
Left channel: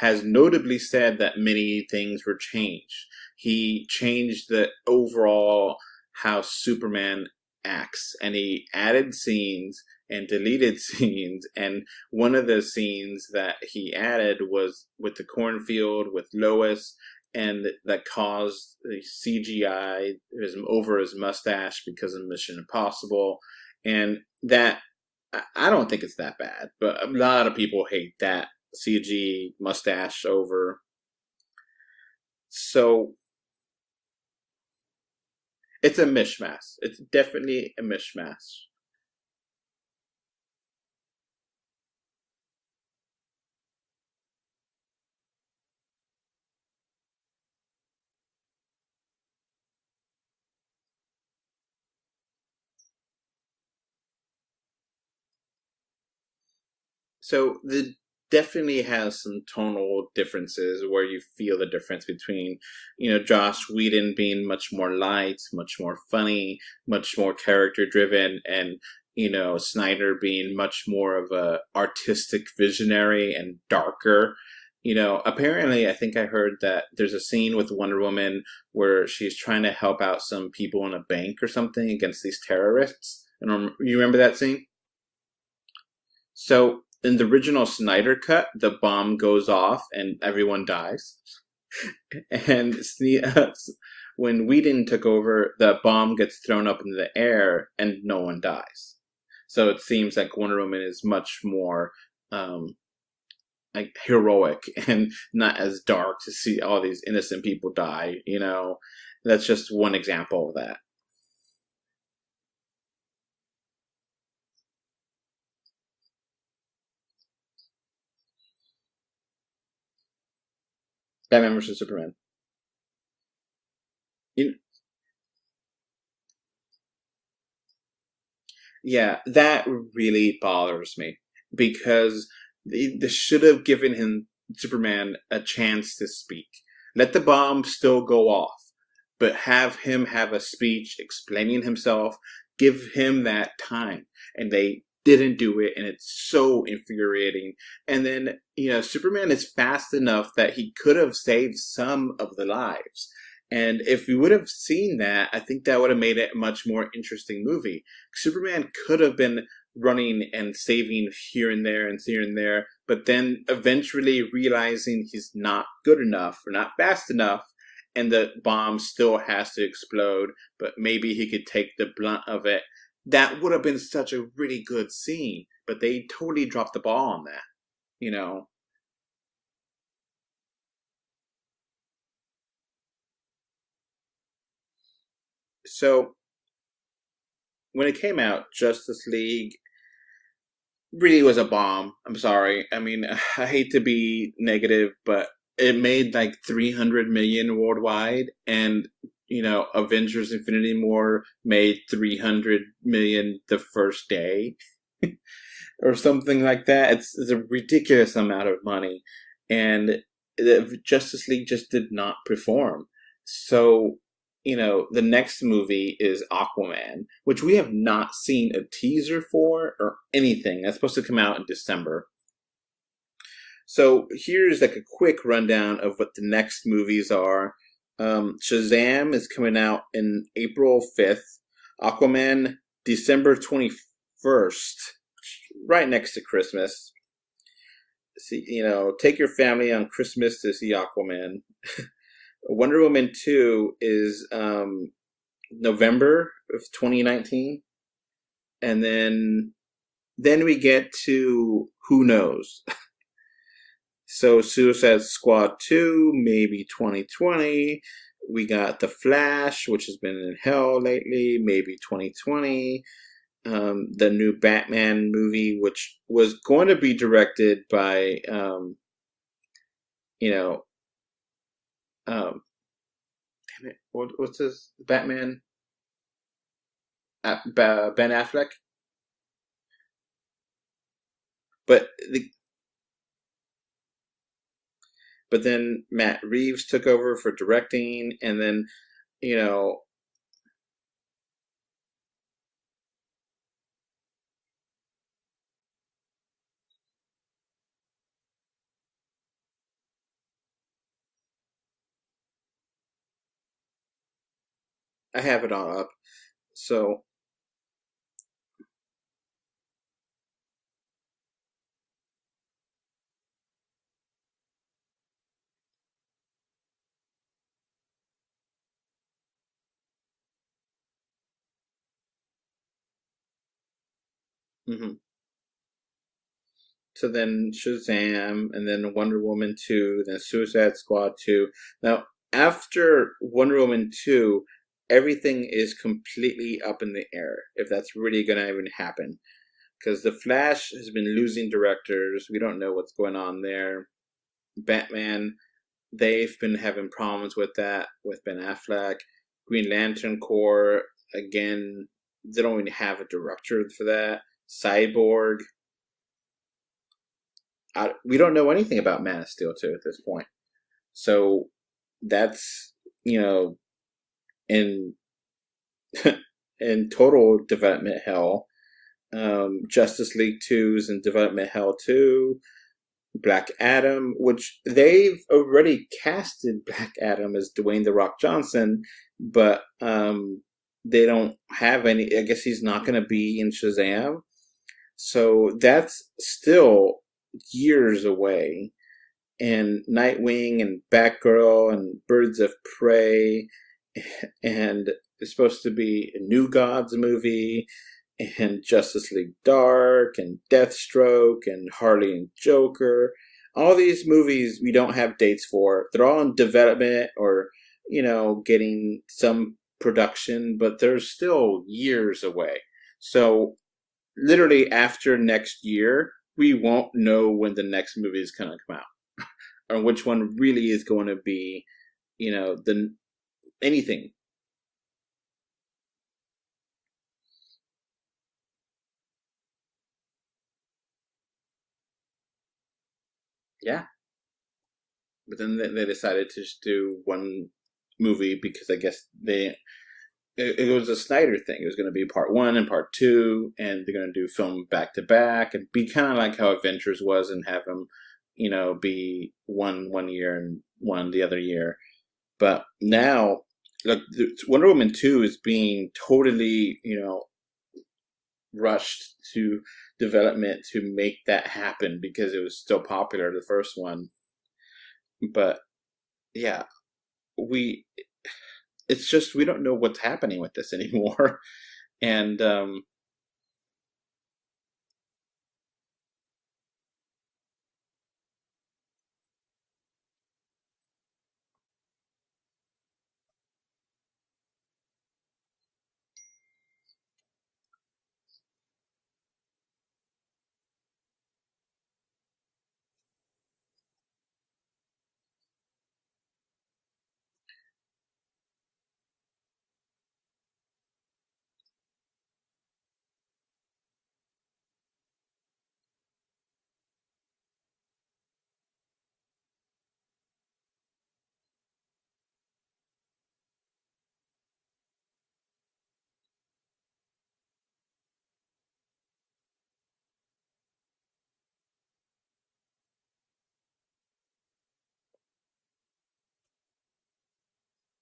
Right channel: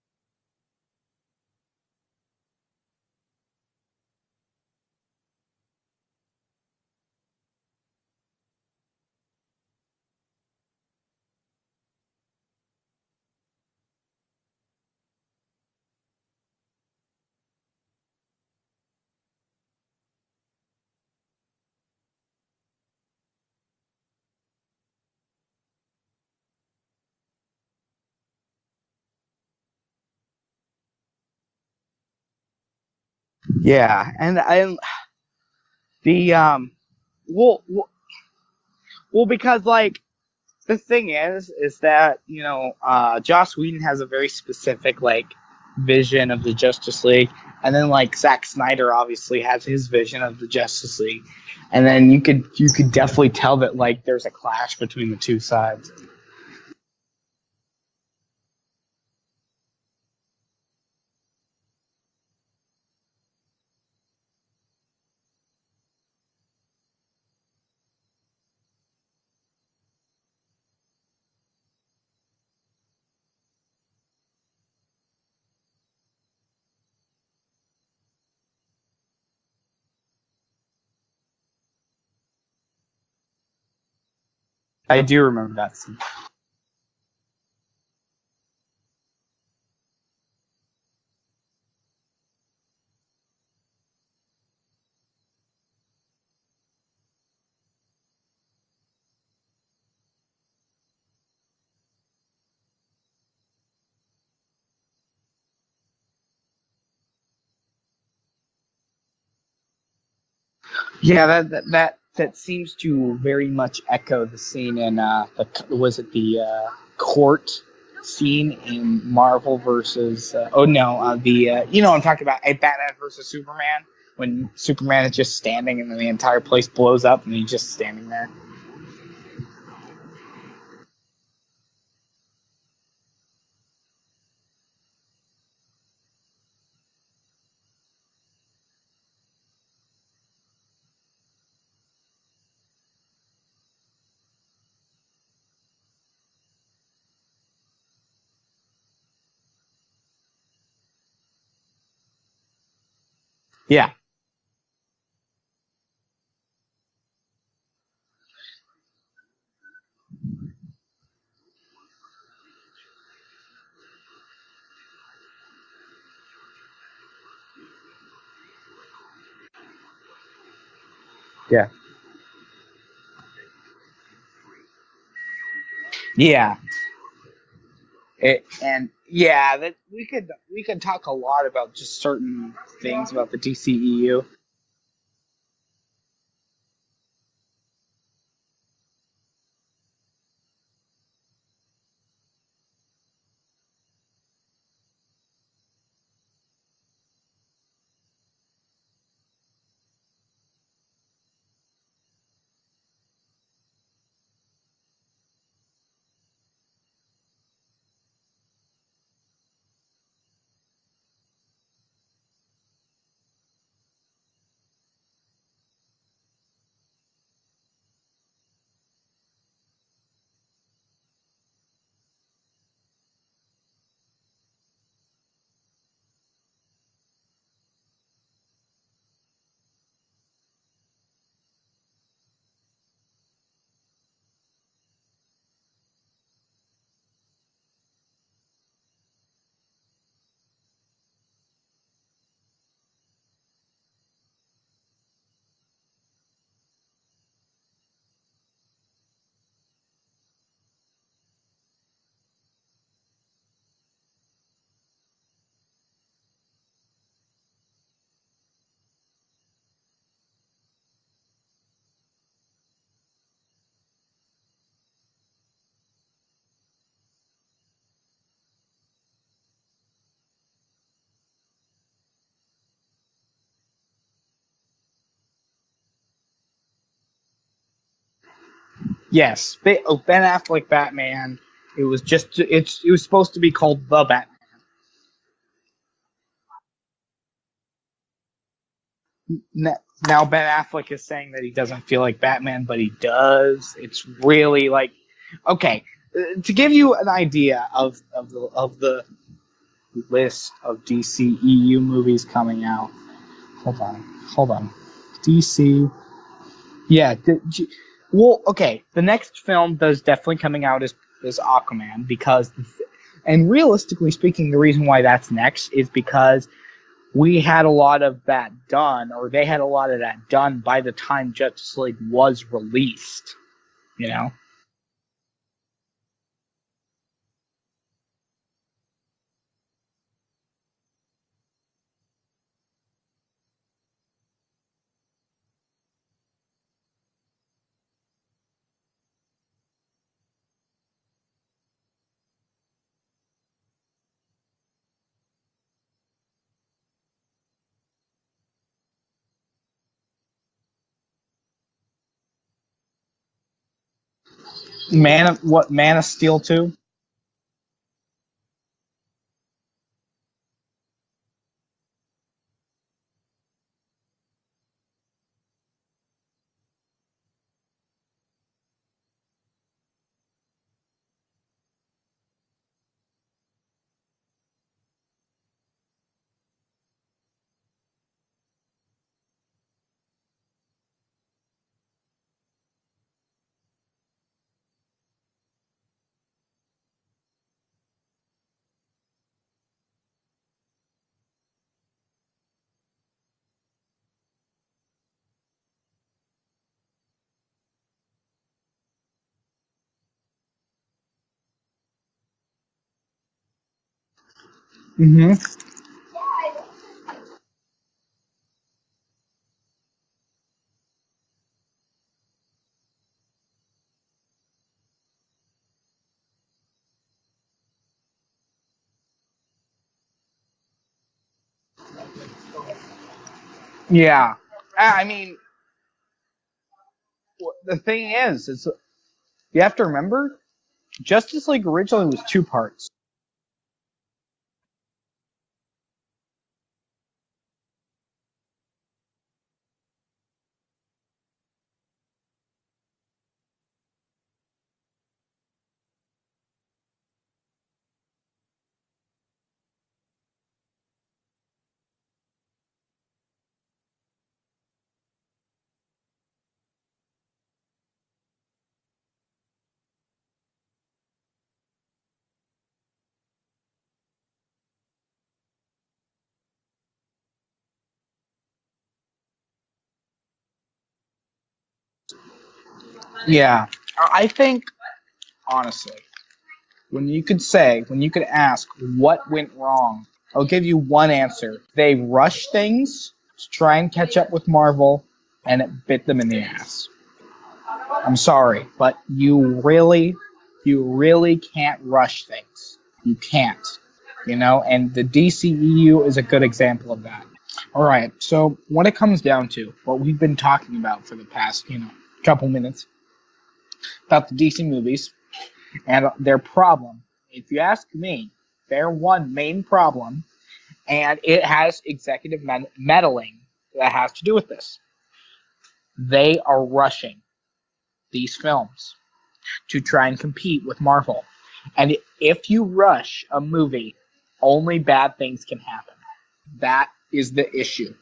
has notably said that many things were changed. He changed the overall how Superman acts, and he added scenes and deleted scenes. And one of the scenes that he added was with the cornfield with Lois, and that caused the CGI over his mustache because of Mission Impossible. And that, I don't think it's that bad, but a lot of people hate that CG mustache over. So yeah, and it's a mishmash. It's definitely a mishmash. Well, because the thing is that Joss Whedon has a very specific vision of the Justice League, and then Zack Snyder obviously has his vision of the Justice League, and then you could definitely tell that there's a clash between the two sides. So definitely has some tonal differences where you feel the difference between, Joss Whedon being much more light, much more funny, much more character driven, and, Snyder being much more of a artistic visionary and darker. Apparently I think I heard that there's a scene with Wonder Woman where she's trying to help out some people in a bank or something against these terrorists. And you remember that scene? I do remember that scene. So in the original Snyder cut, the bomb goes off and everyone dies. And when Whedon took over, the bomb gets thrown up into the air and no one dies. So it seems like Wonder Woman is much more like heroic and not as dark to see all these innocent people die. That's just one example of that. Yeah, that seems to very much echo the scene in the court scene in Marvel versus Batman versus you know what I'm talking about, Batman versus Superman, when Superman is just standing and then the entire place blows up and he's just standing there. Yeah, that really bothers me because they should have given Superman, a chance to speak. Let the bomb still go off, but have him have a speech explaining himself. Give him that time, and they didn't do it, and it's so infuriating. And then Superman is fast enough that he could have saved some of the lives. And if we would have seen that, I think that would have made it a much more interesting movie. Superman could have been running and saving here and there, but then eventually realizing he's not good enough or not fast enough, and the bomb still has to explode, but maybe he could take the blunt of it. That would have been such a really good scene, but they totally dropped the ball on that. That we could talk a lot about just certain things about the DCEU. So when it came out, Justice League really was a bomb. I'm sorry. I mean, I hate to be negative, but it made like 300 million worldwide, and Avengers Infinity War made 300 million the first day. Or something like that. It's a ridiculous amount of money, and the Justice League just did not perform. So, the next movie is Aquaman, which we have not seen a teaser for or anything. That's supposed to come out in December. So here's like a quick rundown of what the next movies are. Shazam is coming out in April 5th. Aquaman, December 21st. Right next to Christmas. See, take your family on Christmas to see Aquaman. Wonder Woman 2 is November of 2019. And then we get to who knows. So Suicide Squad 2, maybe 2020. We got The Flash, which has been in hell lately, maybe 2020. The new Batman movie, which was going to be directed by, damn it, what's his Batman? Ben Affleck. Yes, Ben Affleck Batman. But it was supposed to be called The Batman. But then Matt Reeves took over for directing, and then now Ben Affleck is saying that he doesn't feel like Batman, but he does. It's really like, okay, to give you an idea of the list of DCEU movies coming out. Hold on. I have it on. So yeah, well, okay. The next film that's definitely coming out is Aquaman, because, and realistically speaking, the reason why that's next is because we had a lot of that done, or they had a lot of that done by the time Justice League was released, Mm-hmm. So then Shazam, and then Wonder Woman 2, then Suicide Squad 2. Now, after Wonder Woman 2, everything is completely up in the air, if that's really going to even happen. Because The Flash has been losing directors. We don't know what's going on there. Batman, they've been having problems with that, with Ben Affleck. Green Lantern Corps, again, they don't even have a director for that. Cyborg. Man of Steel 2? We don't know anything about Man of Steel 2 at this point. So that's, in total development hell. Justice League 2's in development hell too. Black Adam, which they've already casted Black Adam as Dwayne "The Rock" Johnson, but they don't have any. I guess he's not going to be in Shazam, so that's still years away. And Nightwing and Batgirl and Birds of Prey, and it's supposed to be a New Gods movie, and Justice League Dark, and Deathstroke, and Harley and Joker. all these movies we don't have dates for. They're all in development or, getting some production, but they're still years away. So literally after next year, we won't know when the next movie is going to come out or which one really is going to be, anything. Yeah. I mean, the thing is you have to remember, Justice League originally was 2 parts. Yeah. But then they decided to just do one movie because I guess it was a Snyder thing. It was going to be part 1 and part 2, and they're going to do film back to back and be kind of like how Avengers was and have them, be one year and one the other year. But now, look, Wonder Woman 2 is being totally, rushed to development to make that happen because it was still popular, the first one. But yeah, it's just we don't know what's happening with this anymore. And yeah, I think honestly, when you could ask what went wrong, I'll give you one answer. They rushed things to try and catch up with Marvel, and it bit them in the ass. I'm sorry, but you really can't rush things. You can't, and the DCEU is a good example of that. All right, so when it comes down to what we've been talking about for the past, couple minutes about the DC movies and their problem, if you ask me, their one main problem, and it has executive meddling that has to do with this. They are rushing these films to try and compete with Marvel. And if you rush a movie, only bad things can happen. That is the issue.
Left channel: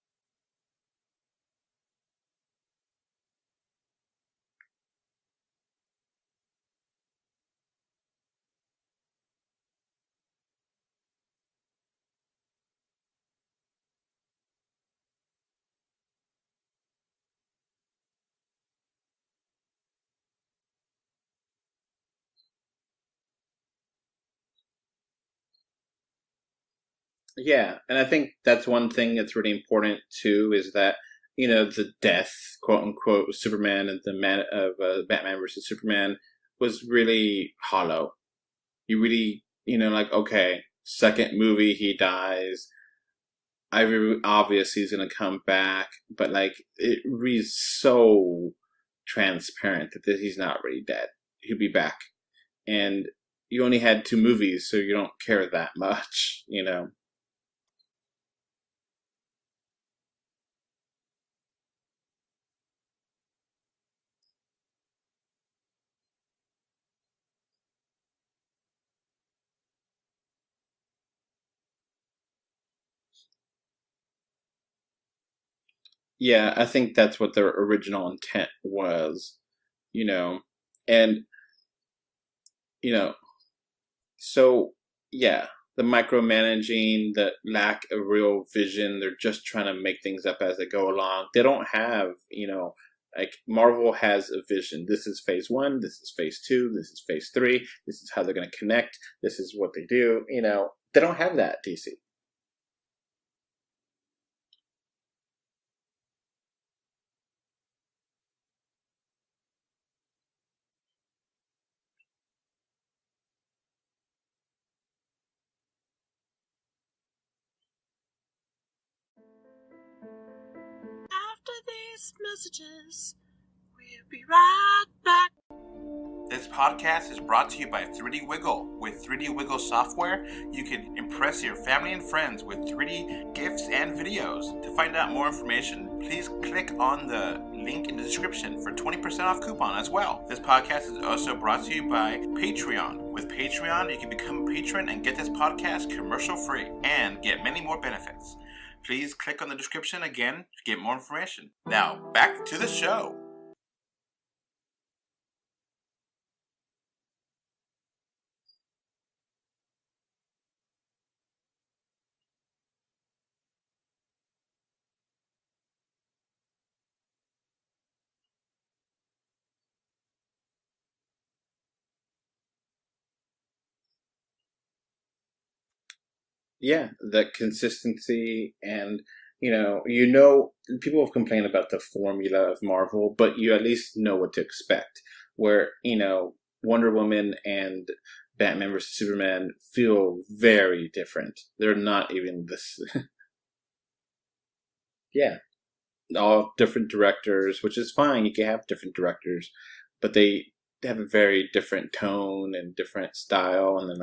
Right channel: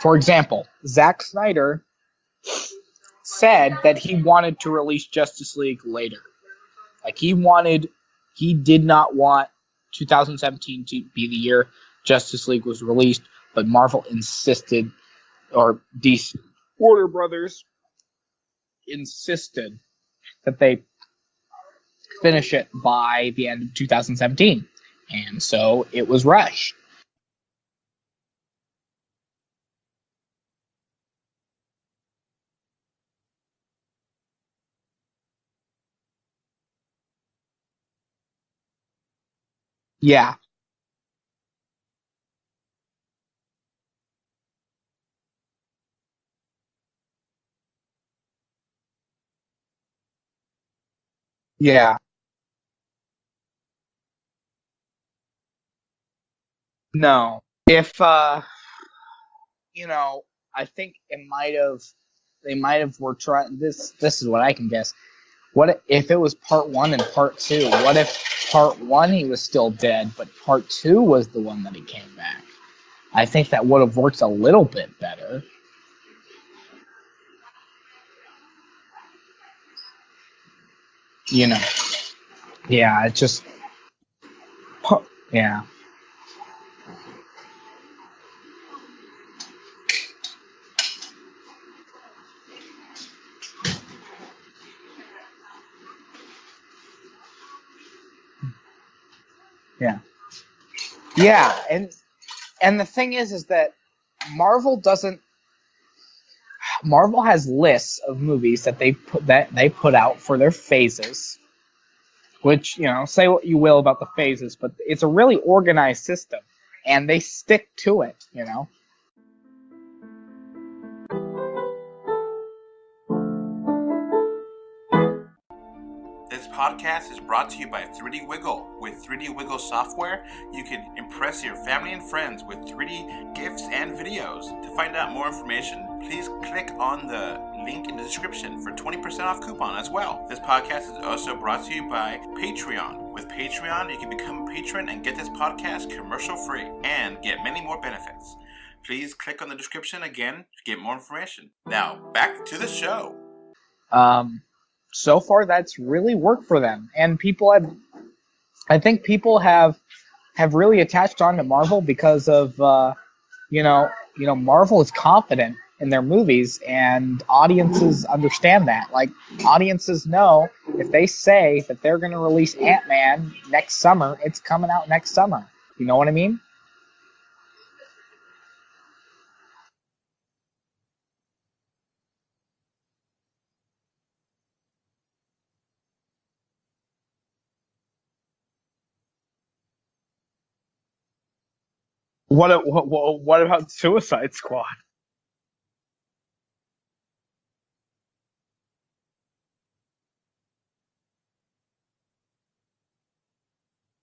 For example, Zack Snyder said that he wanted to release Justice League later. Like he did not want 2017 to be the year Justice League was released, but Marvel insisted, or DC Warner Brothers insisted that they finish it by the end of 2017. And so it was rushed. Yeah, and I think that's one thing that's really important too, is that the death, quote unquote, of Superman and the Batman versus Superman was really hollow. You really, okay, second movie he dies. Obviously he's gonna come back, but it reads so transparent that he's not really dead. He'll be back, and you only had 2 movies, so you don't care that much, No. If, I think they might have were trying, this is what I can guess. What if it was part 1 and part 2? What if part 1 he was still dead, but part 2 was the one that he came back? I think that would have worked a little bit better. Yeah, I think that's what their original intent was, and... Yeah, it just... So, the micromanaging, the lack of real vision, they're just trying to make things up as they go along. They don't have, Marvel has a vision. This is phase 1, this is phase 2, this is phase 3, this is how they're going to connect, this is what they do, they don't have that. And the thing is that Marvel has lists of movies that they put out for their phases. Which, say what you will about the phases, but it's a really organized system, and they stick to it, After these messages, we'll be right back. This podcast is brought to you by 3D Wiggle. With 3D Wiggle software, you can impress your family and friends with 3D GIFs and videos. To find out more information, please click on the link in the description for 20% off coupon as well. This podcast is also brought to you by Patreon. With Patreon, you can become a patron and get this podcast commercial free and get many more benefits. Please click on the description again to get more information. Now, back to the show. So far that's really worked for them, and I think people have really attached on to Marvel because of Marvel is confident in their movies, and audiences understand that. Like, audiences know if they say that they're going to release Ant-Man next summer, it's coming out next summer. You know what I mean? Yeah, the consistency and, people have complained about the formula of Marvel, but you at least know what to expect. Where, Wonder Woman and Batman vs. Superman feel very different. They're not even... What about Suicide Squad? Yeah. All different directors, which is fine. You can have different directors, but they have a very different tone and different style. And then,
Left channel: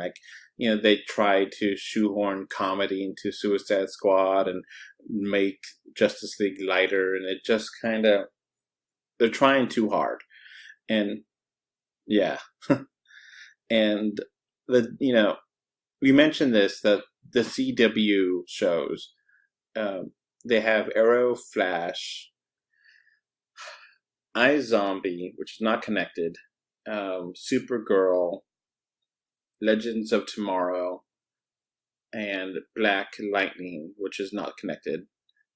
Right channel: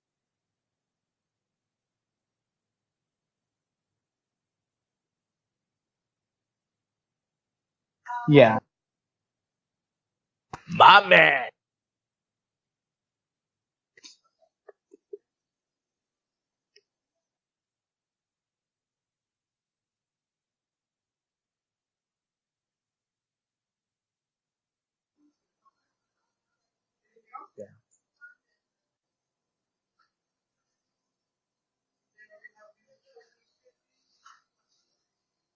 they try to shoehorn comedy into Suicide Squad and make Justice League lighter, and it just kind of... Yeah. They're trying too hard. My man! Yeah. And, we mentioned this, that the CW shows, they have Arrow, Flash, iZombie, which is not connected, Supergirl, Legends of Tomorrow, and Black Lightning, which is not connected.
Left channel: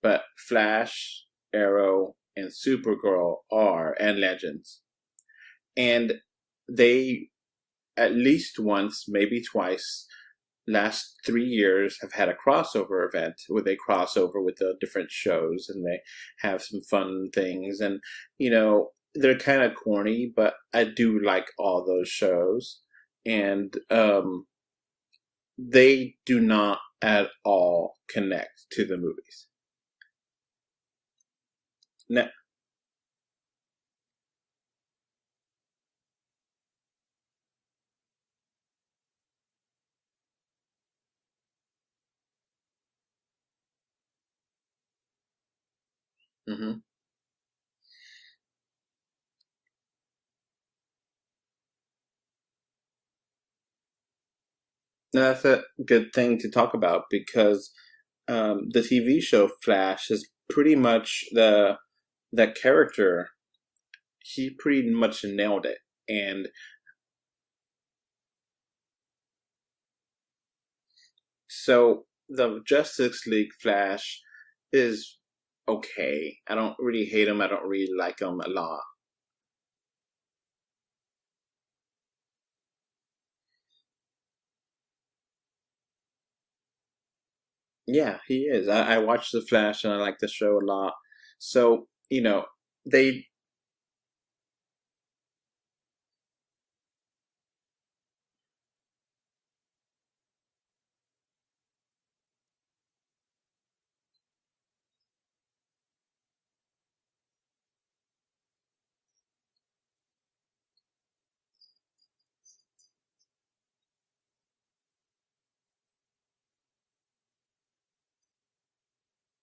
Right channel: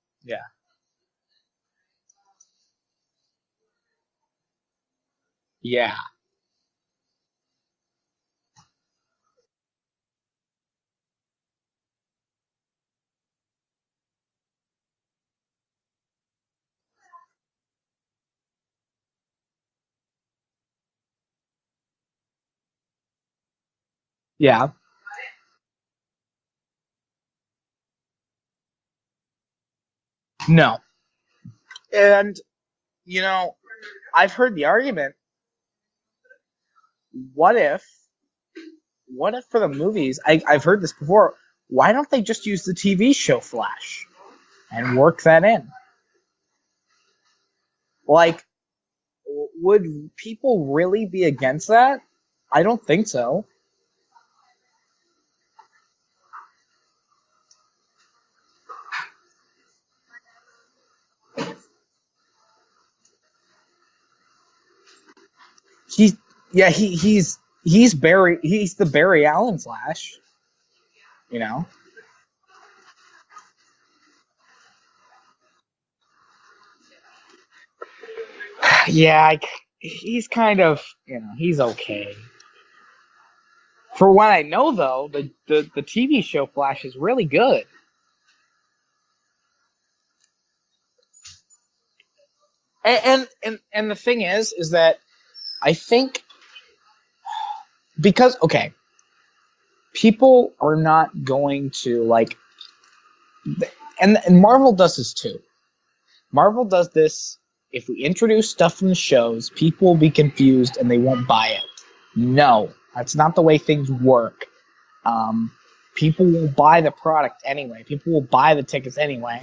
But Flash, Arrow, and Supergirl are, and Legends. Yeah. And they, at least once, maybe twice, last 3 years have had a crossover event where they cross over with the different shows and they have some fun things. And, they're kind of corny, but I do like all those shows. And they do not at all connect to the movies. No. And, I've heard the argument, what if for the movies, I've heard this before, why don't they just use the TV show Flash and work that in? Mm-hmm. Like, would people really be against that? I don't think so. No, that's a good thing to talk about, because the TV show Flash is pretty much that character. He pretty much nailed it. He's the Barry Allen Flash. So the Justice League Flash is okay. I don't really hate him. I don't really like him a lot. Yeah, he's kind of, he's okay. For what I know, though, the TV show Flash is really good. Yeah, he is. I watched the Flash and I like the show a lot. So, And the thing is that I think because, okay, people are not going to and Marvel does this too. Marvel does this. If we introduce stuff from the shows, people will be confused and they won't buy it. No, that's not the way things work. People will buy the product anyway. People will buy the tickets anyway.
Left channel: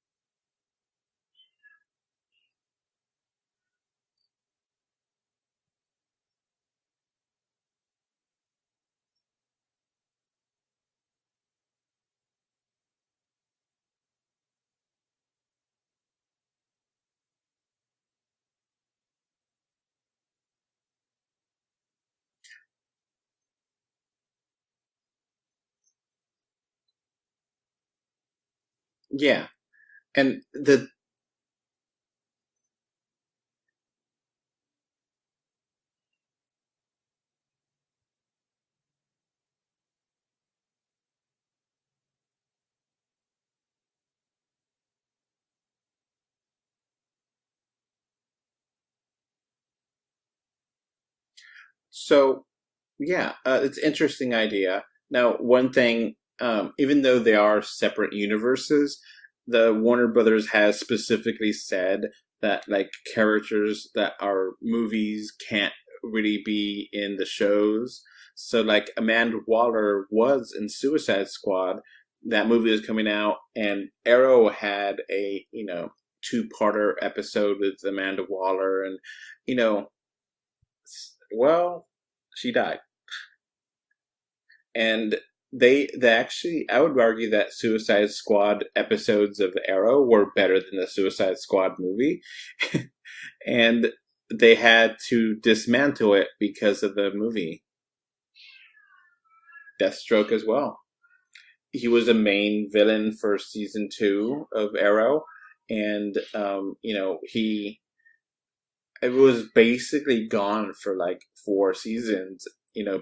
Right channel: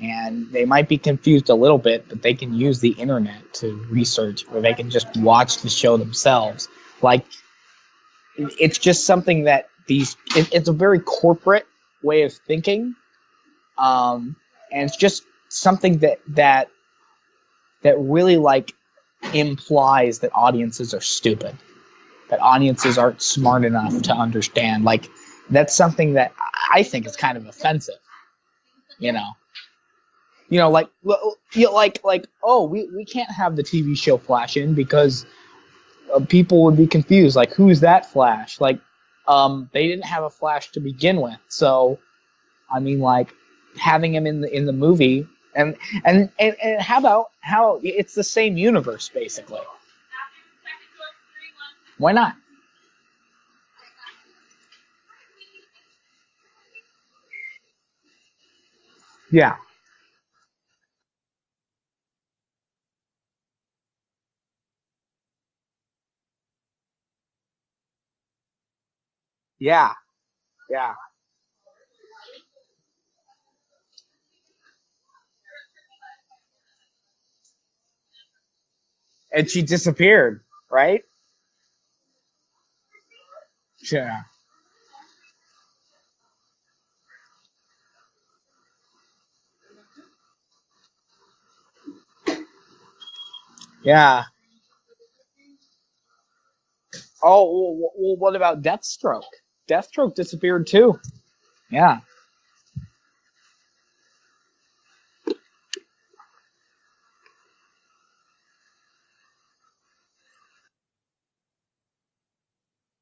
And they might be confused a little bit, but they can use the internet to research, or they can just watch the show themselves. It's just something that it's a very corporate way of thinking. And it's just something that really implies that audiences are stupid, that audiences aren't smart enough to understand. That's something that I think is kind of offensive. Yeah. And we can't have the TV show Flash in because people would be confused. Who's that Flash? They didn't have a Flash to begin with. So, having him in the movie, and how it's the same universe basically. Why not? Yeah, it's an interesting idea. Now, one thing, even though they are separate universes, the Warner Brothers has specifically said that characters that are movies can't really be in the shows. So Amanda Waller was in Suicide Squad. That movie is coming out, and Arrow had a 2-parter episode with Amanda Waller, and she disappeared, right? Well, she died. Yeah. And they actually, I would argue that Suicide Squad episodes of Arrow were better than the Suicide Squad movie. And they had to dismantle it because of the movie. Oh, well, what about Deathstroke? Deathstroke disappeared too. Yeah. He was a main villain for season 2 of Arrow. and it was basically gone for like 4 seasons,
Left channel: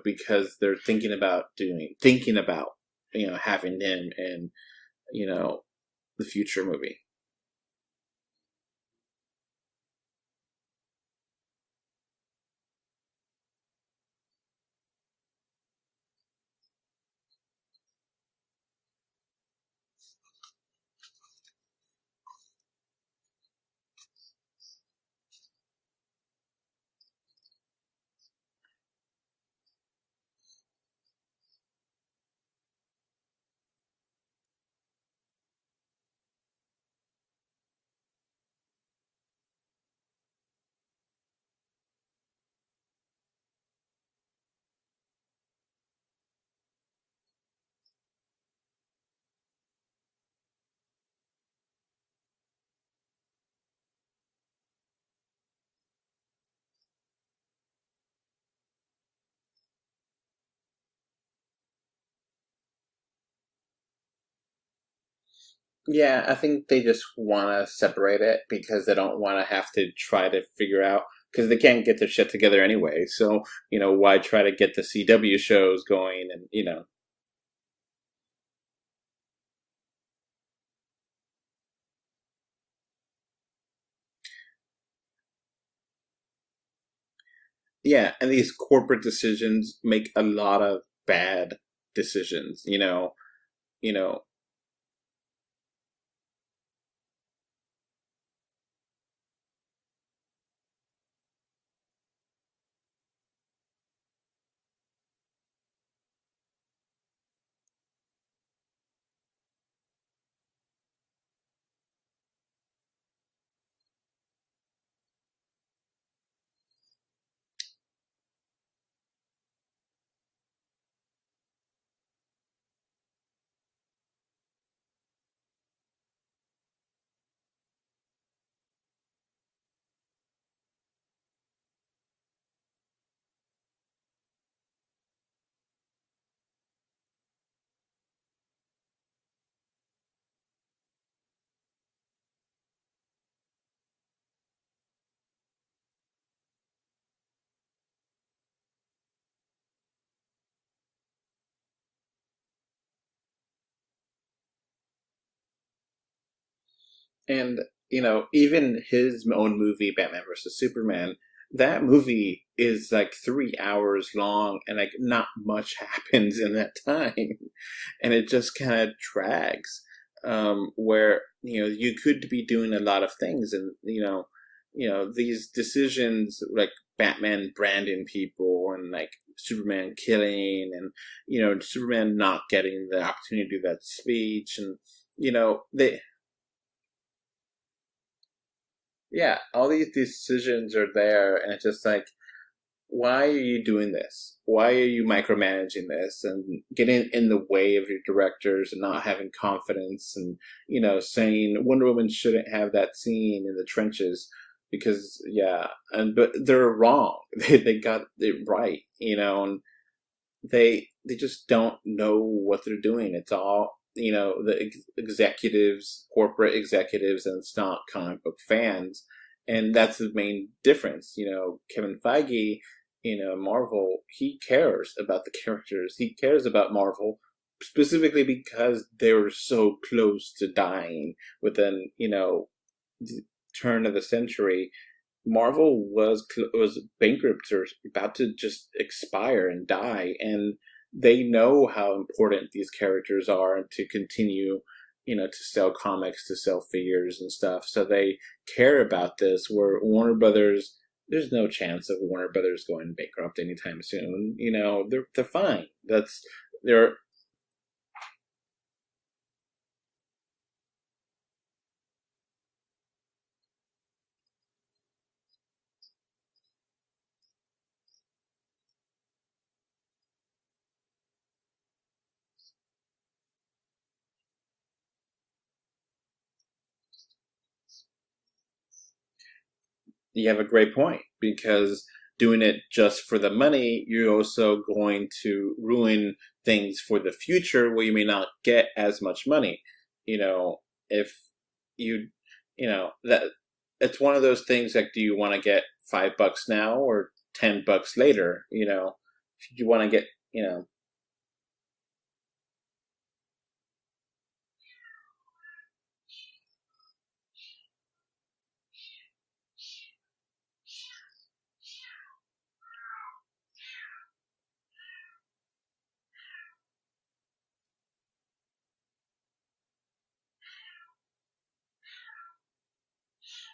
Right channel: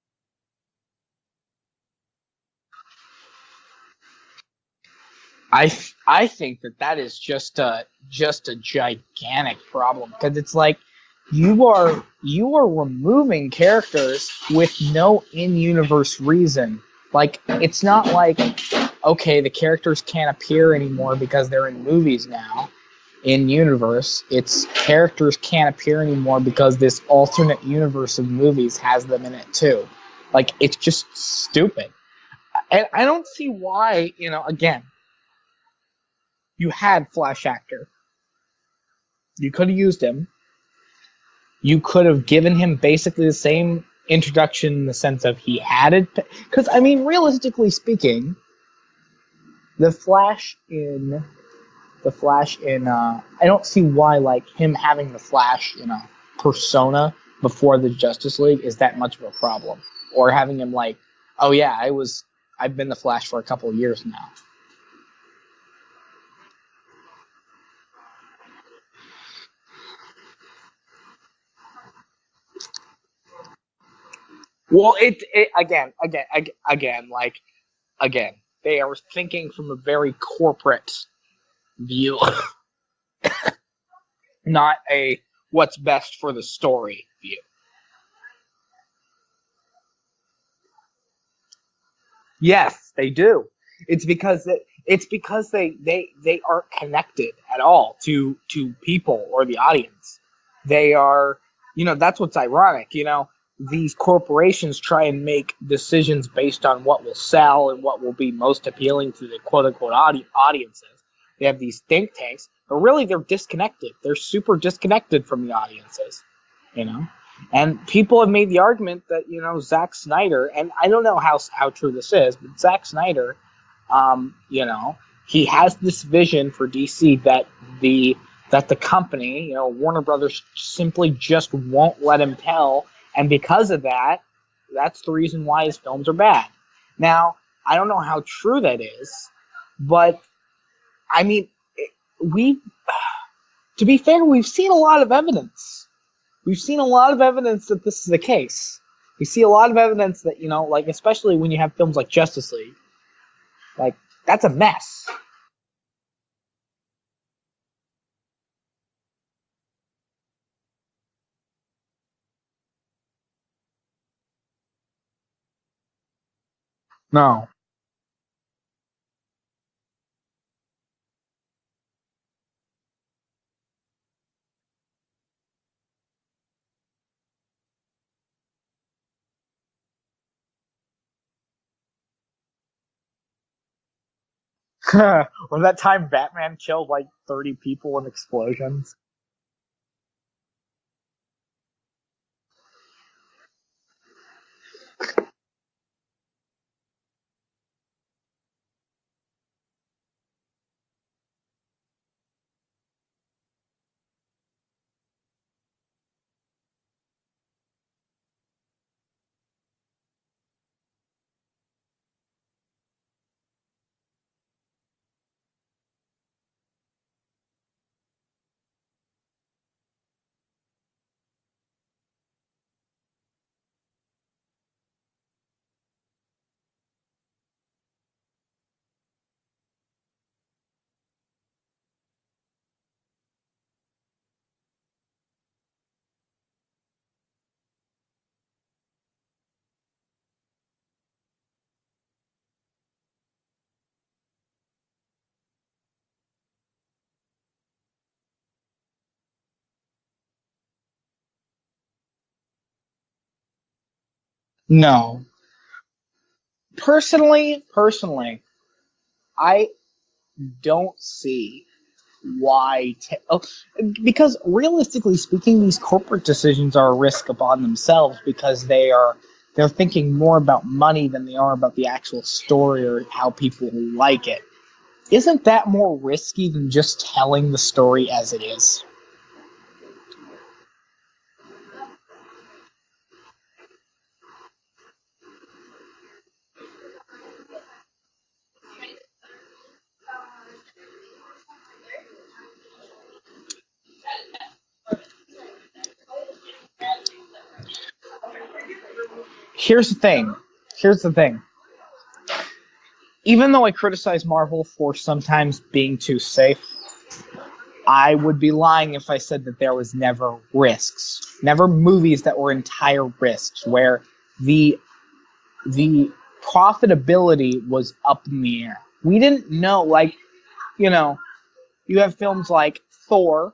because they're thinking about having him in I the think future movie. that is just a gigantic problem, because it's like you are removing characters with no in-universe reason. Like, it's not like, okay, the characters can't appear anymore because they're in movies now in universe. It's characters can't appear anymore because this alternate universe of movies has them in it too. Like, it's just stupid. And I don't see why, again, you had Flash actor. You could have used him. You could have given him basically the same introduction in the sense of he had it. Because, I mean, realistically speaking, the Flash in I don't see why, like, him having the Flash, persona before the Justice League is that much of a problem. Or having him like, oh yeah, I've been the Flash for a couple of years now. Yeah, I think they just want to separate it because they don't want to have to try to figure out, because they can't get their shit together anyway. So, why try to get the CW shows going? Again, they are thinking from a very corporate view, not a what's best for the story view. Yeah, and these corporate decisions make a lot of bad decisions. Yes, they do. It's because they aren't connected at all to people or the audience. They are, that's what's ironic. These corporations try and make decisions based on what will sell and what will be most appealing to the quote-unquote audiences. They have these think tanks, but really they're disconnected. They're super disconnected from the audiences, And people have made the argument that, Zack Snyder, and I don't know how true this is, but Zack Snyder, he has this vision for DC that the company, Warner Brothers, simply just won't let him tell, and because of that, that's the reason why his films are bad. Now, I don't know how true that is, but I mean, to be fair, we've seen a lot of evidence. We've seen a lot of evidence that this is the case. We see a lot of evidence that, like, especially when you have films like Justice League, like, that's a mess. And, even his own movie, Batman vs. Superman, that movie is like 3 hours long, and like not much happens in that time. No. And it just kind of drags, where, you could be doing a lot of things, and, these decisions like Batman branding people and like Superman killing and, Superman not getting the opportunity to do that speech and, was that time Batman killed like 30 people in explosions? Yeah, all these decisions are there, and it's just like, why are you doing this? Why are you micromanaging this and getting in the way of your directors and not having confidence and, saying Wonder Woman shouldn't have that scene in the trenches because, but they're wrong. They got it right, and they just don't know what they're doing. It's all, the executives, corporate executives, and it's not comic book fans. And that's the main difference. Kevin Feige, Marvel, he cares about the characters. He cares about Marvel specifically because they were so close to dying within, the turn of the century. Marvel was bankrupt or about to just expire and die, and they know how important these characters are to continue, to sell comics, to sell figures and stuff. So they care about this, where Warner Brothers, there's no chance of Warner Brothers going bankrupt anytime soon. No. They're fine. Personally, I don't see why because realistically speaking, these corporate decisions are a risk upon themselves because they're thinking more about money than they are about the actual story or how people like it. Isn't that more risky than just telling the story as it is? You have a great point, because doing it just for the money, you're also going to ruin things for the future where you may not get as much money. If you that it's one of those things like, do you want to get $5 now or $10 later? Here's the thing. Here's the thing. Even though I criticize Marvel for sometimes being too safe, I would be lying if I said that there was never risks. Never movies that were entire risks, where the profitability was up in the air. We didn't know, like, you have films like Thor,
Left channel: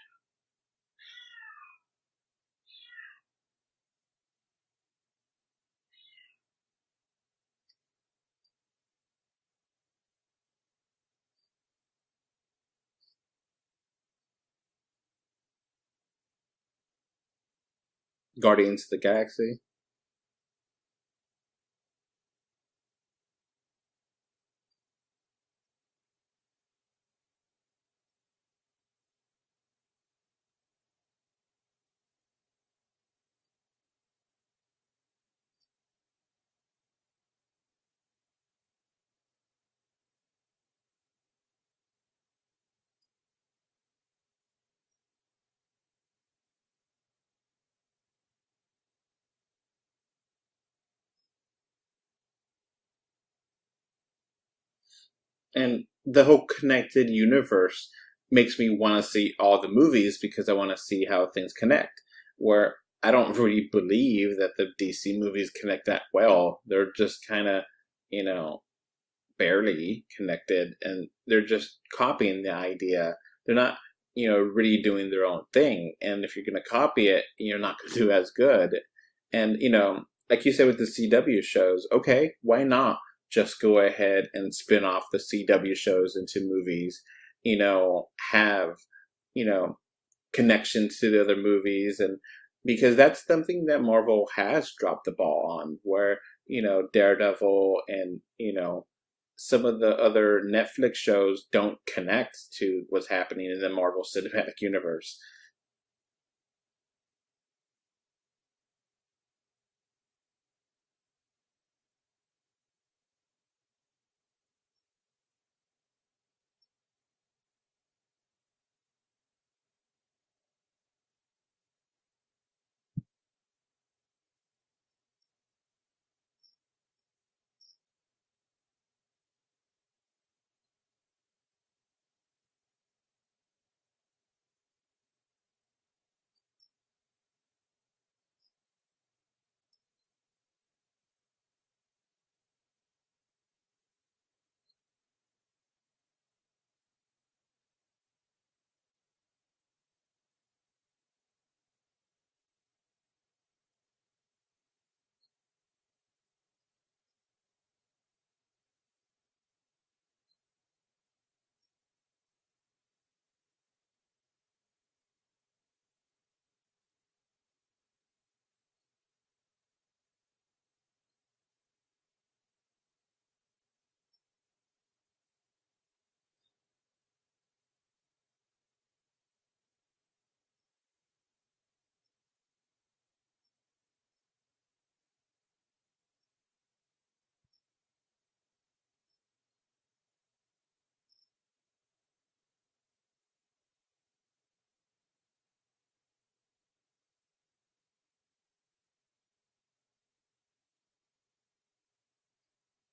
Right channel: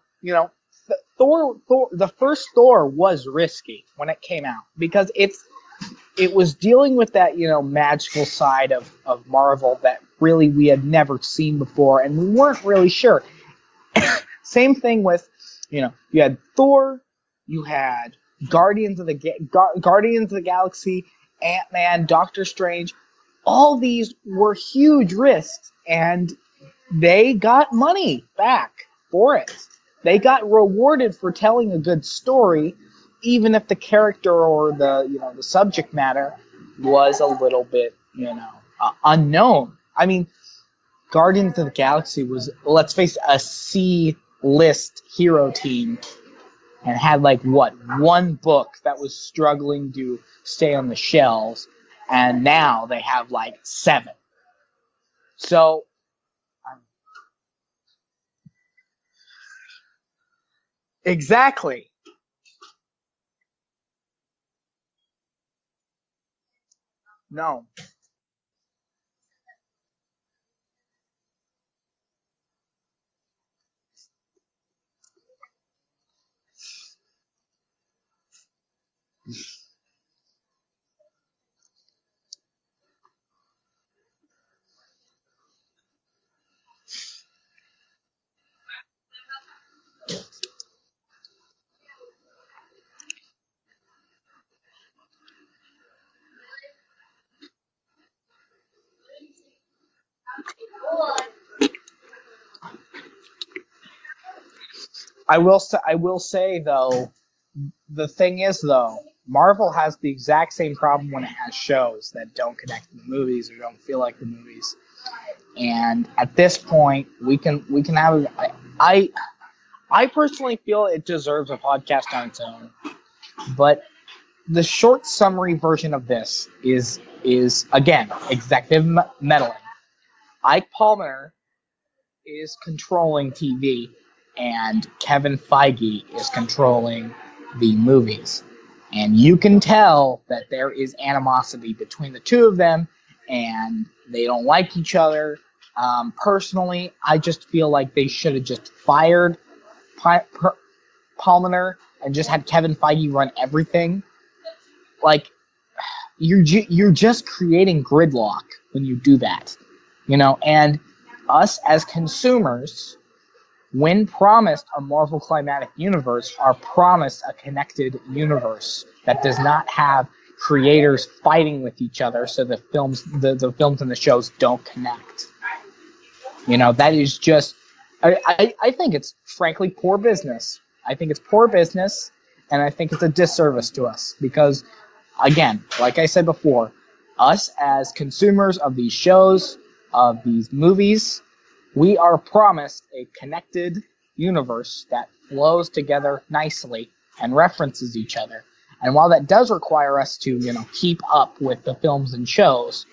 Thor, the first Thor was risky when it came out because it was dealing with that, magical side of Marvel that really we had never seen before, and we weren't really sure. Same thing with, you had Thor, you had Guardians of the Galaxy, Ant-Man, Doctor Strange. All these were huge risks, and they got money back for it. They got rewarded for telling a good story, even if the character or the subject matter was a little bit unknown. I mean, Guardians of the Galaxy was, let's face it, a C-list hero team, and had one book that was struggling to stay on the shelves, and now they have 7. So and the whole connected universe makes me want to see all the movies because I want to see how things connect. Where I don't really believe that the DC movies connect that well. They're just kind of, barely connected, and they're just copying the idea. They're not, really doing their own thing. And if you're going to copy it, you're not going to do as good. And, like you said with the CW shows, okay, why not just go ahead and spin off the CW shows into movies, have, connections to the other movies, and because that's something that Marvel has dropped the ball on, where, Daredevil and, some of the other Netflix shows don't connect to what's happening in the Marvel Cinematic Universe. I will say though, the thing is though, Marvel has the exact same problem when it has shows that don't connect to the movies or don't feel like the movies. And at this point, we can have. I personally feel it deserves a podcast on its own, but the short summary version of this is again executive meddling. Ike Palmer is controlling TV, and Kevin Feige is controlling the movies. And you can tell that there is animosity between the two of them, and they don't like each other. Personally, I just feel like they should have just fired Palmer and just had Kevin Feige run everything. You're just creating gridlock when you do that, And us as consumers, when promised a Marvel Climatic Universe, are promised a connected universe that does not have creators fighting with each other, so the films and the shows don't connect. That is just, I think it's frankly poor business. I think it's poor business, and I think it's a disservice to us because, again, like I said before, us as consumers of these shows, of these movies, we are promised a connected universe that flows together nicely and references each other. And while that does require us to, keep up with the films and shows,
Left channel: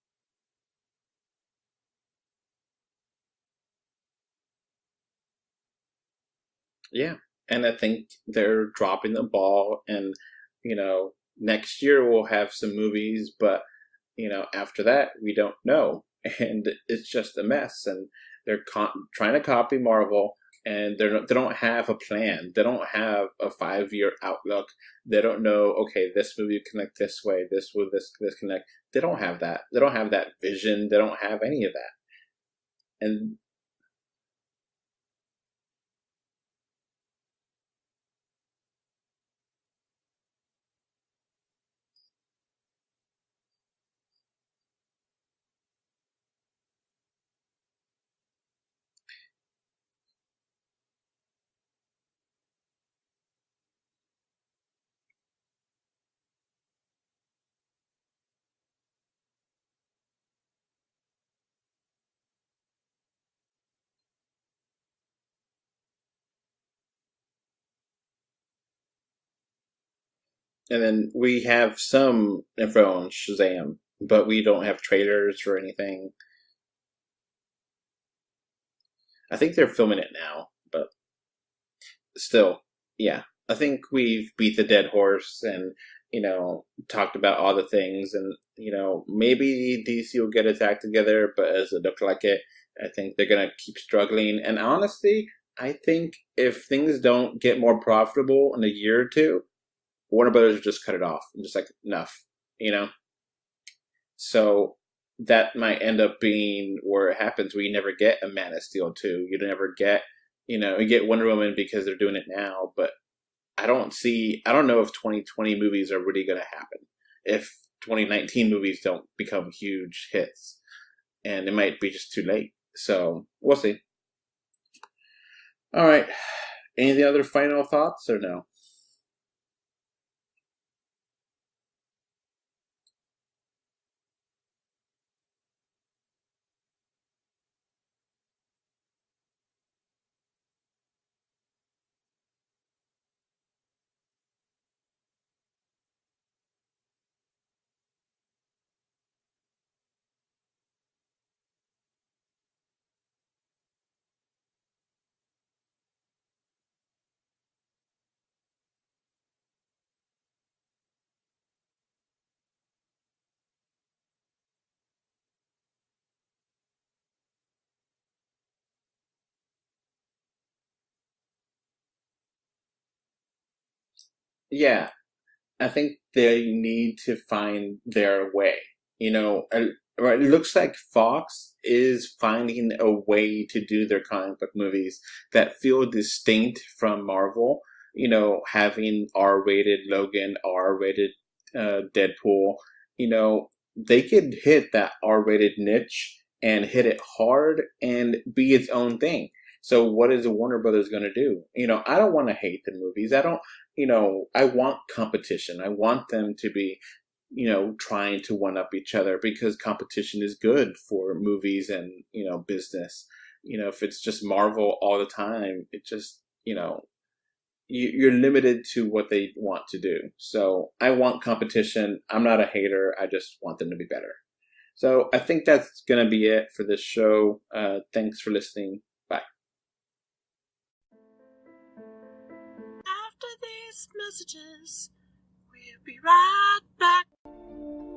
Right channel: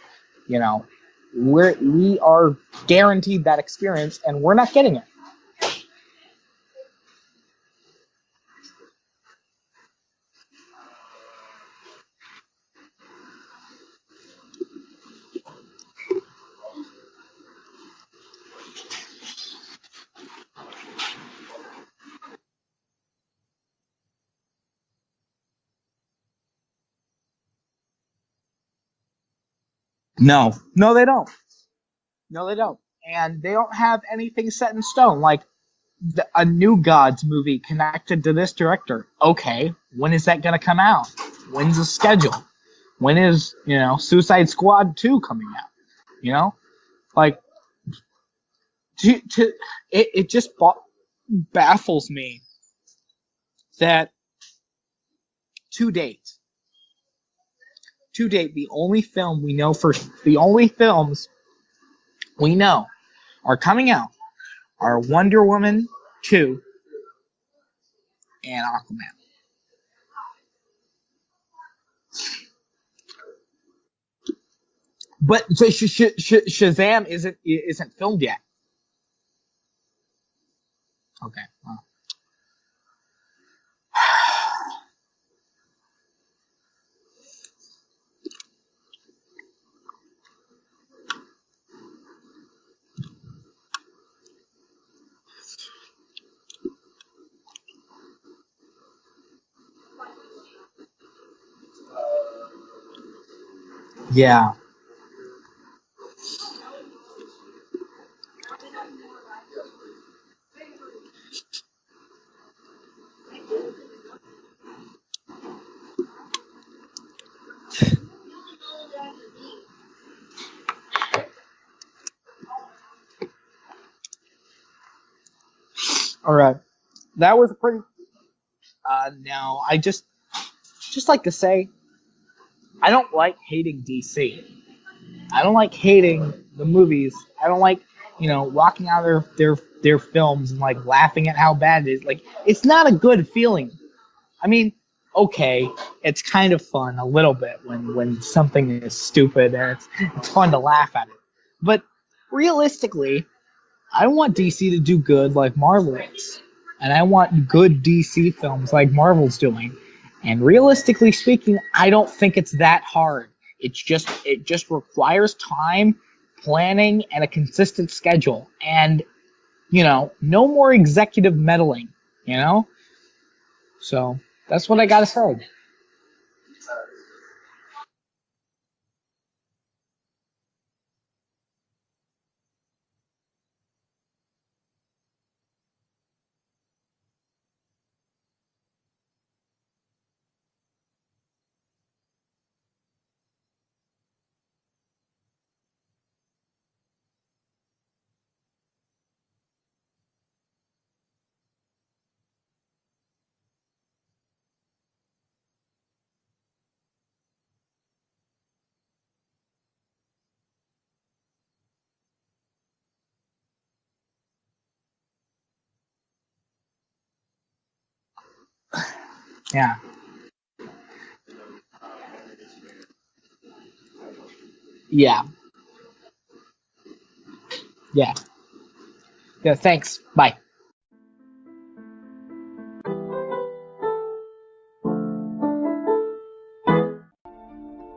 we are guaranteed that experience, and we're not getting it. Yeah, and I think they're dropping the ball, and, next year we'll have some movies, but, after that, we don't know. And it's just a mess, and they're trying to copy Marvel, and they don't have a plan. They don't have a 5-year outlook. They don't know, okay, this movie will connect this way, this will this connect. They don't have that. They don't have that vision. No, they don't have any of that. No, they don't. And they don't have anything set in stone. Like a New Gods movie connected to this director. Okay, when is that going to come out? When's the schedule? When is, Suicide Squad 2 coming out? It just baffles me that to date, the only films we know are coming out are Wonder Woman 2, and Aquaman. And then we have some info on Shazam, but we don't have trailers But or so anything. Shazam isn't filmed yet. I think they're filming it now, but Okay. Well, still, yeah. I think we beat the dead horse and, talked about all the things. And, maybe DC will get its act together, but as it looked like it, I think they're going to keep struggling. And honestly, I think if things don't get more profitable in a year or two, Warner Brothers will just cut it off. I'm just like, enough, Yeah. So that might end up being where it happens, where you never get a Man of Steel 2. You never get, you get Wonder Woman because they're doing it now, but I don't know if 2020 movies are really going to happen. If 2019 movies don't become huge hits. And it might be just too late. So, we'll see. All right. Any other final thoughts or no? No, I just like to say, I don't like hating DC. I don't like hating the movies. I don't like, walking out of their films and like laughing at how bad it is. Like, it's not a good feeling. I mean, okay, it's kind of fun a little bit when something is stupid and it's fun to laugh at it. But realistically, I want DC to do good like Marvel is. And I want good DC films like Marvel's doing. And realistically speaking, I don't think it's that hard. It just requires time, planning, and a consistent schedule. And, no more executive meddling, So that's what I gotta say. I think they need to find their way. It looks like Fox is finding a way to do their comic book movies that feel distinct from Marvel. Having R-rated Logan, R-rated Deadpool. They could hit that R-rated niche and hit it hard and be its own thing. So what is Warner Brothers going to do? I don't want to hate the movies. I don't, I want competition. I want them to be, trying to one-up each other because competition is good for movies and, business. If it's just Marvel all the time, it just, you're limited to what they want to do. So I want competition. I'm not a hater. I just want them to be better. So I think that's going to be it for this show. Thanks for listening. Bye. Yeah, thanks. Bye. After these messages, we'll be right back.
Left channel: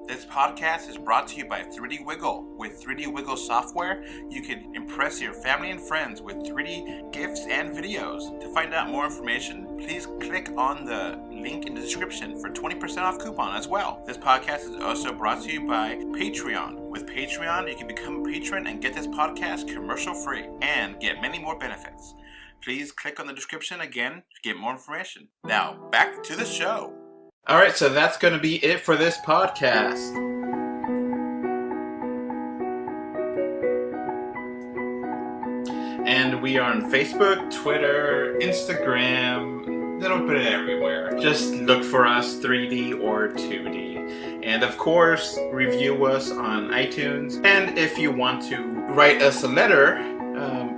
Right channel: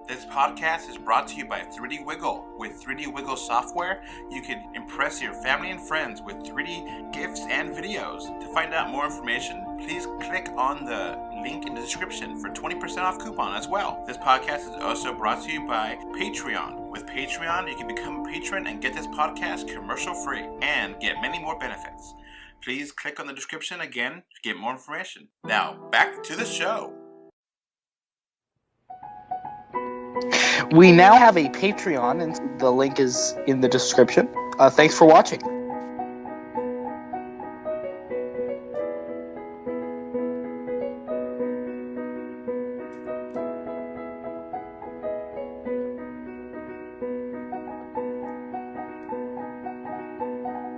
This podcast is brought to you by 3D Wiggle. With 3D Wiggle software, you can impress your family and friends with 3D gifts and videos. To find out more information, please click on the link in the description for 20% off coupon as well. This podcast is also brought to you by Patreon. With Patreon, you can become a patron and get this podcast commercial free and get many more benefits. Please click on the description again to get more information. Now, back to the show. All right, so that's going to be it for this podcast. We now have a Patreon, and the link is in the description. Thanks for watching. And we are on Facebook, Twitter, Instagram, a little bit everywhere. Just look for us, 3D or 2D. And of course, review us on iTunes. And if you want to write us a letter,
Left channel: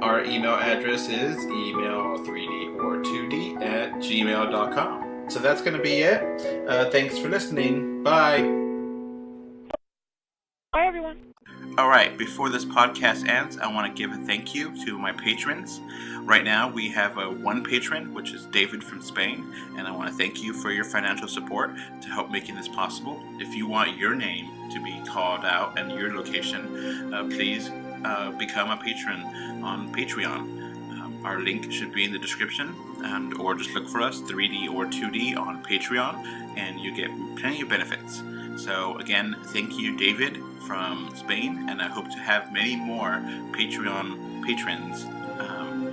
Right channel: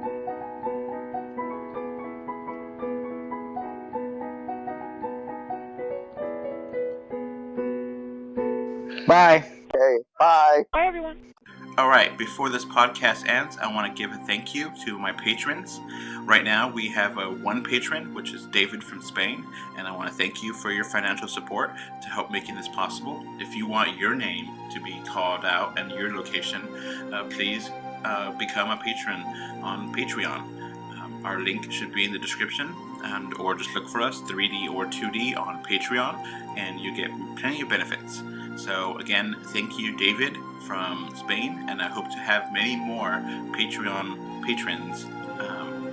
our email address is email3dortwo d@gmail.com. So that's going to be it. Thanks for listening. Bye. Bye. Okay, bye. Bye, everyone. All right, before this podcast ends, I want to give a thank you to my patrons. Right now, we have one patron, which is David from Spain, and I want to thank you for your financial support to help making this possible. If you want your name to be called out and your location, please become a patron on Patreon. Our link should be in the description, or just look for us, 3D or 2D, on Patreon, and you get plenty of benefits. So again, thank you, David from Spain, and I hope to have many more Patreon patrons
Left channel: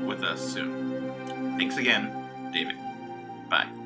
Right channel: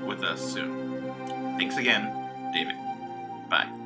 with us soon. Thanks again, David. Bye.